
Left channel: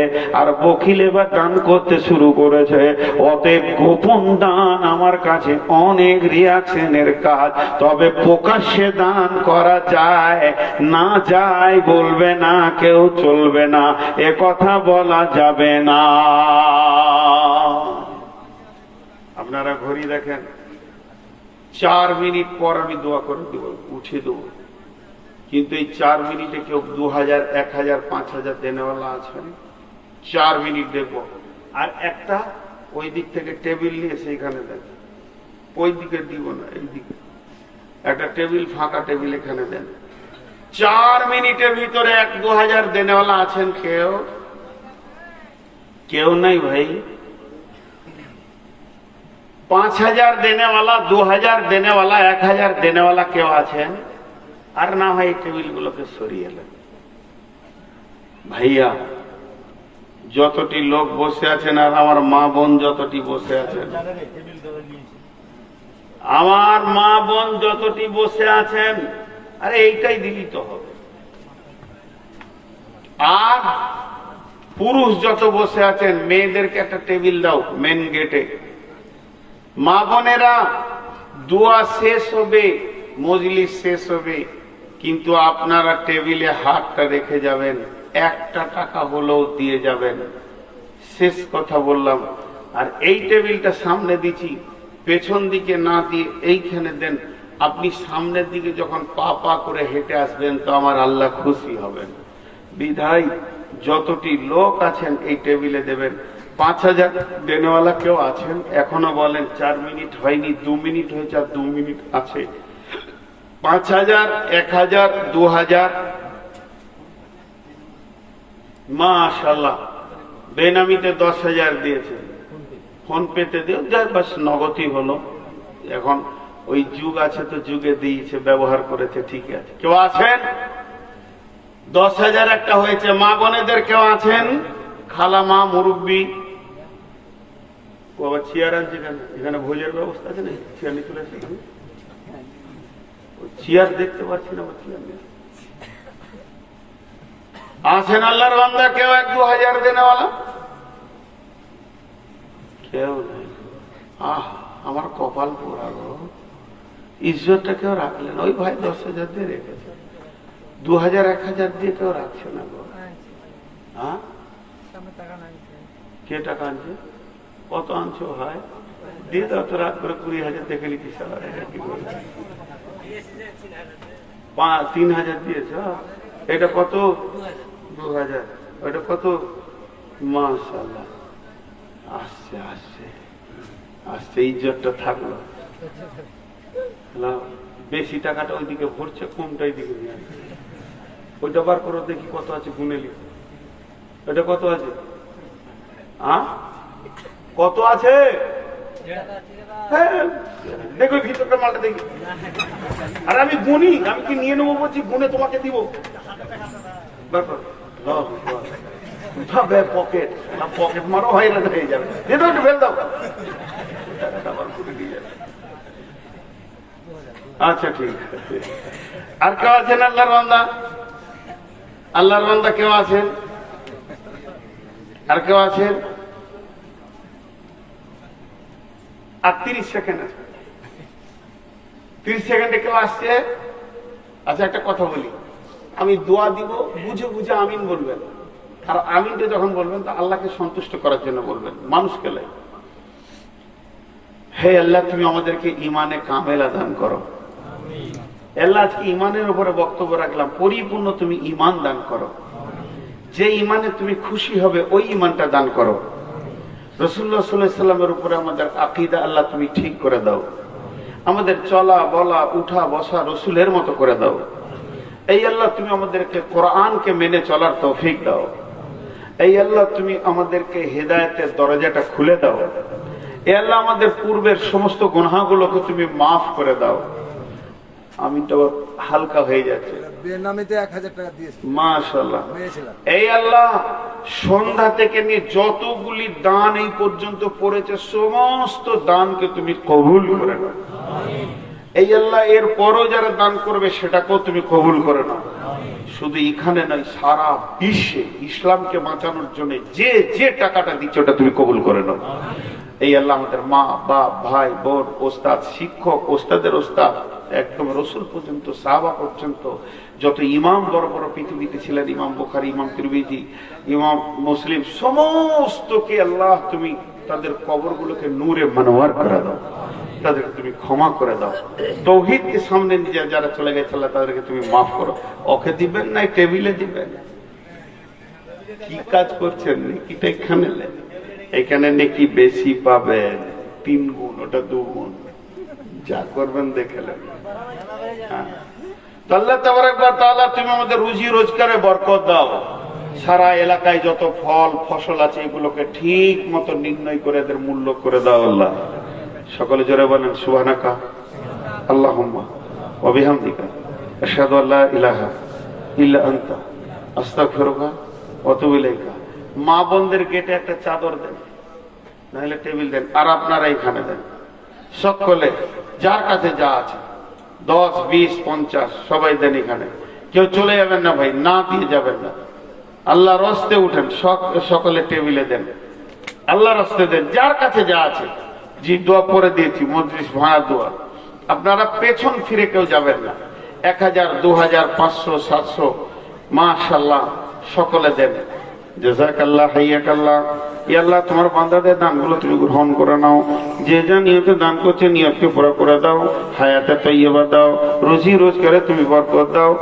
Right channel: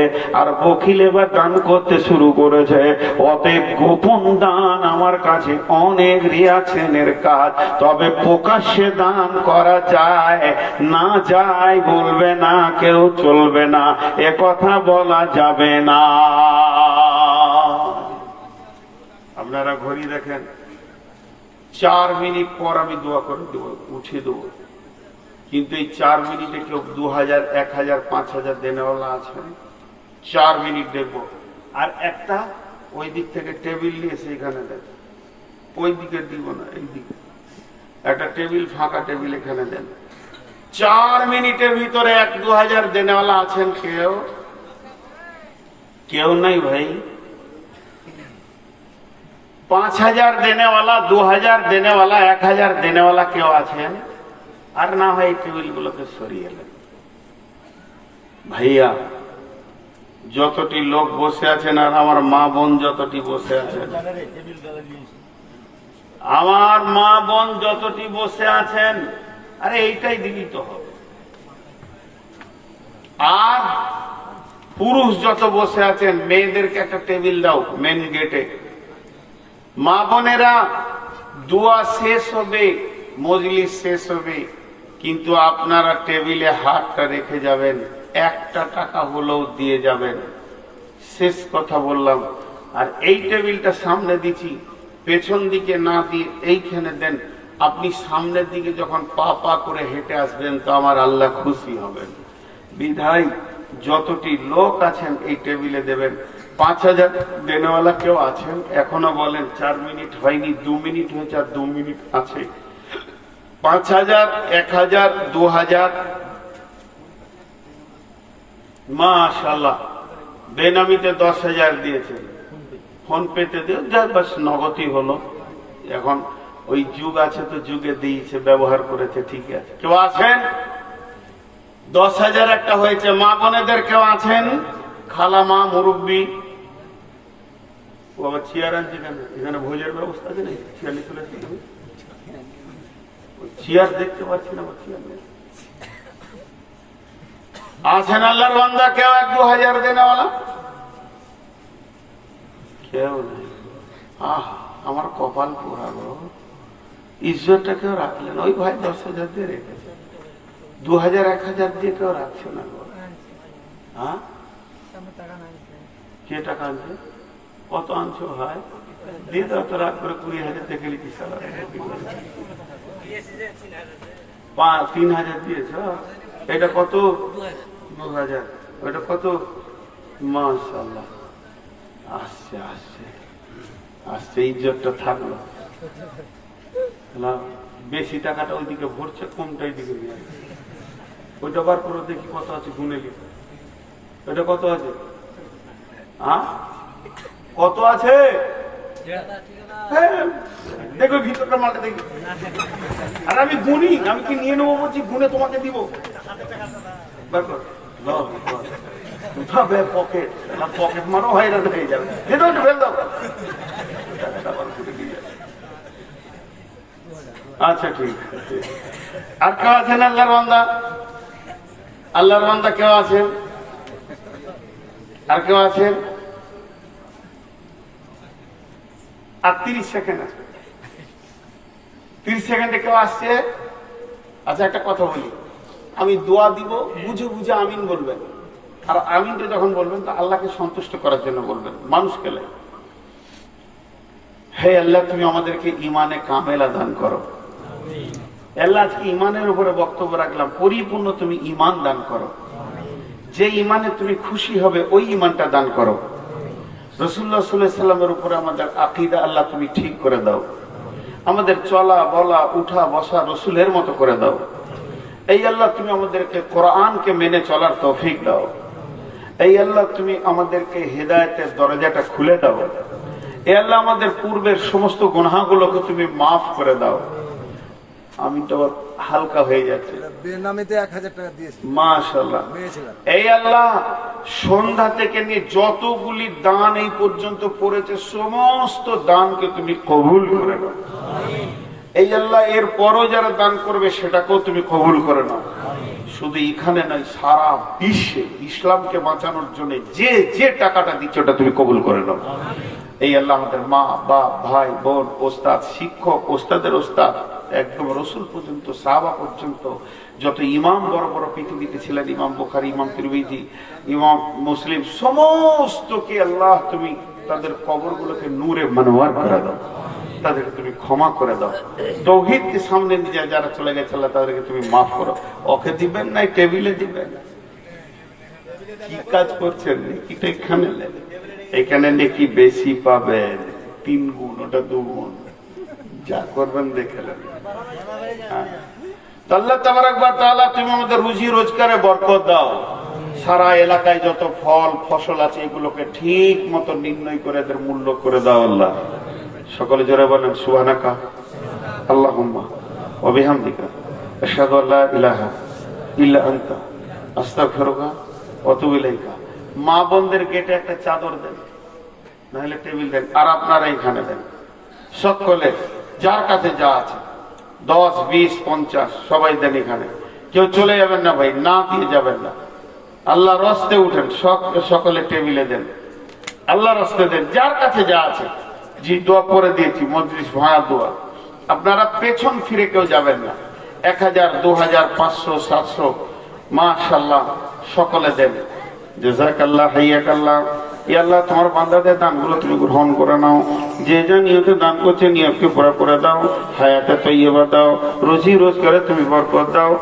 আর বকিল এবার দান করতে শুরু করেছে। অতএব গোপন দান আমার কাছে অনেক রিয়াকশনের কাজ। তবে প্রকাশ্যে দান করা যায় না যায় বলবে না কেউ, চলবে না, এ কথা বলা যাবে না। আপনারা ঘড়ি দেখেন, 4 মিনিট পর আমি দোয়া করে দেব, উঠিয়ে দেবো। কিন্তু এই 4 মিনিটে কেউ 2000, 1000, 5000 দেনেওয়ালা আছে, 4 মিনিট দেখবো। আর একটা ওই দিক থেকে টেবিল নিয়ে সেইখানে দেন, ওই দিকে দিব না, এই দিকে একটা টেবিল, ফাঁকা টেবিল এখানে দেন। 4 মিনিটের ভিতরে 1-2000 দেনেওয়ালা আছেন? কেউ কেউ নাই ভাই। 5000 দেনেওয়ালা, 2000 দেনেওয়ালা, 1000 দেনেওয়ালা কেউ আছেন? আর না হয় টেবিল গুলোকে সরিয়ে এলেন। ভাইয়া যতটি লোক বসে আছেন, আর আমার মা বোন যতটি বসে আছেন, আমার মা বোন যতটি বসে আছেন, আরে এইটাই দিলি তো হবে। আর পুরুষ যত বসে আছেন, মেয়েদেরকে একটা টেবিল দাও মেন গেটে। মা বোনেরা দোয়া শেষ হবে, মজলিস শেষ হবে, কিন্তু আপনারা টেবিলে হাতটা রেখে যাবেন, 1 টাকা হলেও দিয়ে যাবেন। শেষ কথা বললাম। আর এই টেবিলটা সামনে দিচ্ছি, পেছন দিকে না দিয়ে এইখানে দেন। আপনি সামনের দিকে যখন পা পা করে হেঁটে আসবেন তো আমার আল্লাহ খুশি হবেন। বিধায় যতটি লোক আছেন এই টেবিলে দেবেন। 5000 দেনেওয়ালা কেউ আছেন? এখনো বলেন 4 মিনিট হয়নি, 2 মিনিট হয়েছে, আর 2 মিনিট আছে। 5000, 1000, 2000, মাশাআল্লাহ। বেনামিতে 10,000 দিয়েছেন, ফোন পেতে দিও, যা বাস নগদই হলো। এখন ওই যুগ আছে তো, যুগে দিয়েছে, ব্যবহার করেছে, ঠিক আছে। কেউ আছেন? 10,000 একটা হয়েছে। মা বোনেদের কেউ আছেন? খালা, মা, মুরব্বী। ও আবার চেয়ার আনছে কেন? এখানে ভোজের ব্যবস্থা আছে না? চেয়ার নিয়ে চলে এসেছি, চেয়ার দেখতে পাচ্ছি না, চেয়ার নেই। আছেন আল্লাহর বান্দা কেউ 1-2000 দেনেওয়ালা? কেউ নেই। আমার কপাল পোড়া গো, ইজ্জতটা কেউ রাখলেন। ওই ভাই 10,000 দিয়ে রেখেছে, 2000, 1000 দিয়ে কেউ রাখছে না গো। হ্যাঁ, কে টাকা আনছে? কত আনছো ভাই? দিয়ে দাও তো, রাত করে 20,000 দেখে লিখি। 3,000 দিয়েছ? এটা কত? 2000। ওইটা কত? মাশাআল্লাহ। আসছে আসছে আসছে, ইজ্জতটা থাকলো। বেশি টাকাটা ওইদিকে ভরছে, কমটা এইদিকে নিয়ে আসছে। ওইটা বার করে দেখি কত আছে, গুনে লি। ওইটা কত আছে? কত আছে? হ্যাঁ, দেখো ভিতরটা মালটা দেখি। আর আমি গুনি, আমি কি নিয়ে নেবো বলছি, গুনে তোমাকে দিব। বার কর, পকেট পকেট মারো, হয়রান হয়ে যাবে। ফেল দাও। আচ্ছা ঠিক আছে। আর কেউ আছেন আল্লাহর বান্দা? আল্লাহর বান্দা কেউ আছেন? আর কেউ আছেন? আর 30 সেকেন্ড আছে। 30 সেকেন্ডে কেউ আসছে? আচ্ছা একটা কথা বলি, আমি দোয়া দিব, বুঝে বুঝে আমিন বলবেন। আর আমিনটা যখন বলবেন তা আল্লাহকে সন্তুষ্ট করার জন্য বলবেন, মানুষকে লাই। হে আল্লাহ, তুমি আমাদেরকে ইমানে কামেলা দান করো। আল্লাহ, আজকে ইমানের উপরে বক্তব্য রাখলাম, পরিপূর্ণ তুমি ইমান দান করো। যে ইমানে তুমি খুশি হবে ওই ইমানটা দান করো। রাসূলুল্লাহ সাল্লাল্লাহু আলাইহি ওয়াসাল্লামের উপরে আমাদের আকীদা আল্লাহ তুমি ঠিক করে দাও। আমাদের চলা বলা উঠা বসা রসুলের মতো করে দাও। এই আল্লাহ, তুমি আমাদেরকে কোরআনকে মেনে চলার তৌফিক দাও। এই আল্লাহ, তুমি আমাদেরকে হেদায়েতের দরজাটা খুলে দাও। এই আল্লাহ, আমাদের পূর্বের সমস্ত গুনাহগুলোকে তুমি মাফ করে দাও। আমি তো হালকা হয়ে যাচ্ছে। বেনামিতে 1000 টাকা দিয়েছি, মাশাআল্লাহ। এই আল্লাহ, সন্ধ্যা থেকে নিয়ে যতগুলি দান এই পর্যন্ত পড়েছে সমস্ত দানকে তুমি কবুল করে নাও। এই আল্লাহ, এর পরও যারা দান করবে সেটাকেও তুমি কবুল করে নাও। শুধু এখানে নয়, সারা বিশ্বে ইসলামকে বাঁচানোর জন্য যে যে টাকাটা দিচ্ছে ওটা তুমি কবুল করে নাও। এই আল্লাহ, আমাদের মা বাপ ভাই বোন ওস্তাদ শিক্ষক ওস্তাদের ওস্তাদ একদম রসুল পর্যন্ত সাহাবা পর্যন্ত যত ইমাম বড় বড় পৃথিবীতে ছিলেন, ইমাম বুখারী ইমাম তিরমিজি ইমাম মুসলিম সমস্তকে আল্লাহ তুমি তাদের কবরগুলোকে নূরে মনোয়ার করে দাও। তাদেরকে তুমি ক্ষমা করে দাও। তৌহিদকে সামনে নিয়ে যারা চলে গেছে আল্লাহ তাদেরকে তুমি মাফ করো। ওকে দিবেন না, টেবিলে দিবেন। কি কাজ করছেন? নেকিটা এখানে এখানে নেকি বেশি পাবেন, 3 গুণ, ওটা 2 গুণ। যা করবেন দেখে নেবেন। আল্লাহ তাবারাক ওয়া তাআলা, তুমি আমাদের রুজি রোজগারে বরকত দাও। সারা এলাকায় যত ফল ফসল আছে এগুলোকে ঠিক মতো নির্ণয় করে এদের মূল্য করে দাও আল্লাহ। সকলে জোরে বলেন সুবহানাকা আল্লাহুম্মা ওয়া বিহামদিকা আশহাদু আল্লা ইলাহা ইল্লা আনতা আস্তাগফিরুকা ওয়া আতুবু ইলাইকা। মা বোনদের গেটে একটা চাদর দেন, নাহলে টেবিল দেন, আর আপনারা এখানে দেন। সকলে যার কাছে যা আছে 10 20 50 সবাই দেন এখানে। কেউ চলে যাবেন না ভাই, না দিয়ে যাবেন না। আল্লাহর রাস্তে উঠেন, সকলে টেবিলে দেন, আল্লাহর রাস্তে দেন, যার কাছে যা আছে। জি, দোয়া পরে দিয়েছি, মজলিস ভাঙা দোয়া। আপনারা পেছন ফিরে কেউ যাবেন না। 1000 2000 500 700 মাশাআল্লাহ সকলে দেন। জাযাকাল্লাহ হাইয়াকাল্লাহ। ইয়া আল্লাহ, তোমার বান্দাদের দানগুলো তুমি গ্রহণ করে নাও। যে যা নিয়তে দান করছে নিয়তকে পুরা করে দাও। হায়াতে তাইয়্যিবা দাও, রুজি রোজগারে তুমি বরকত দাও।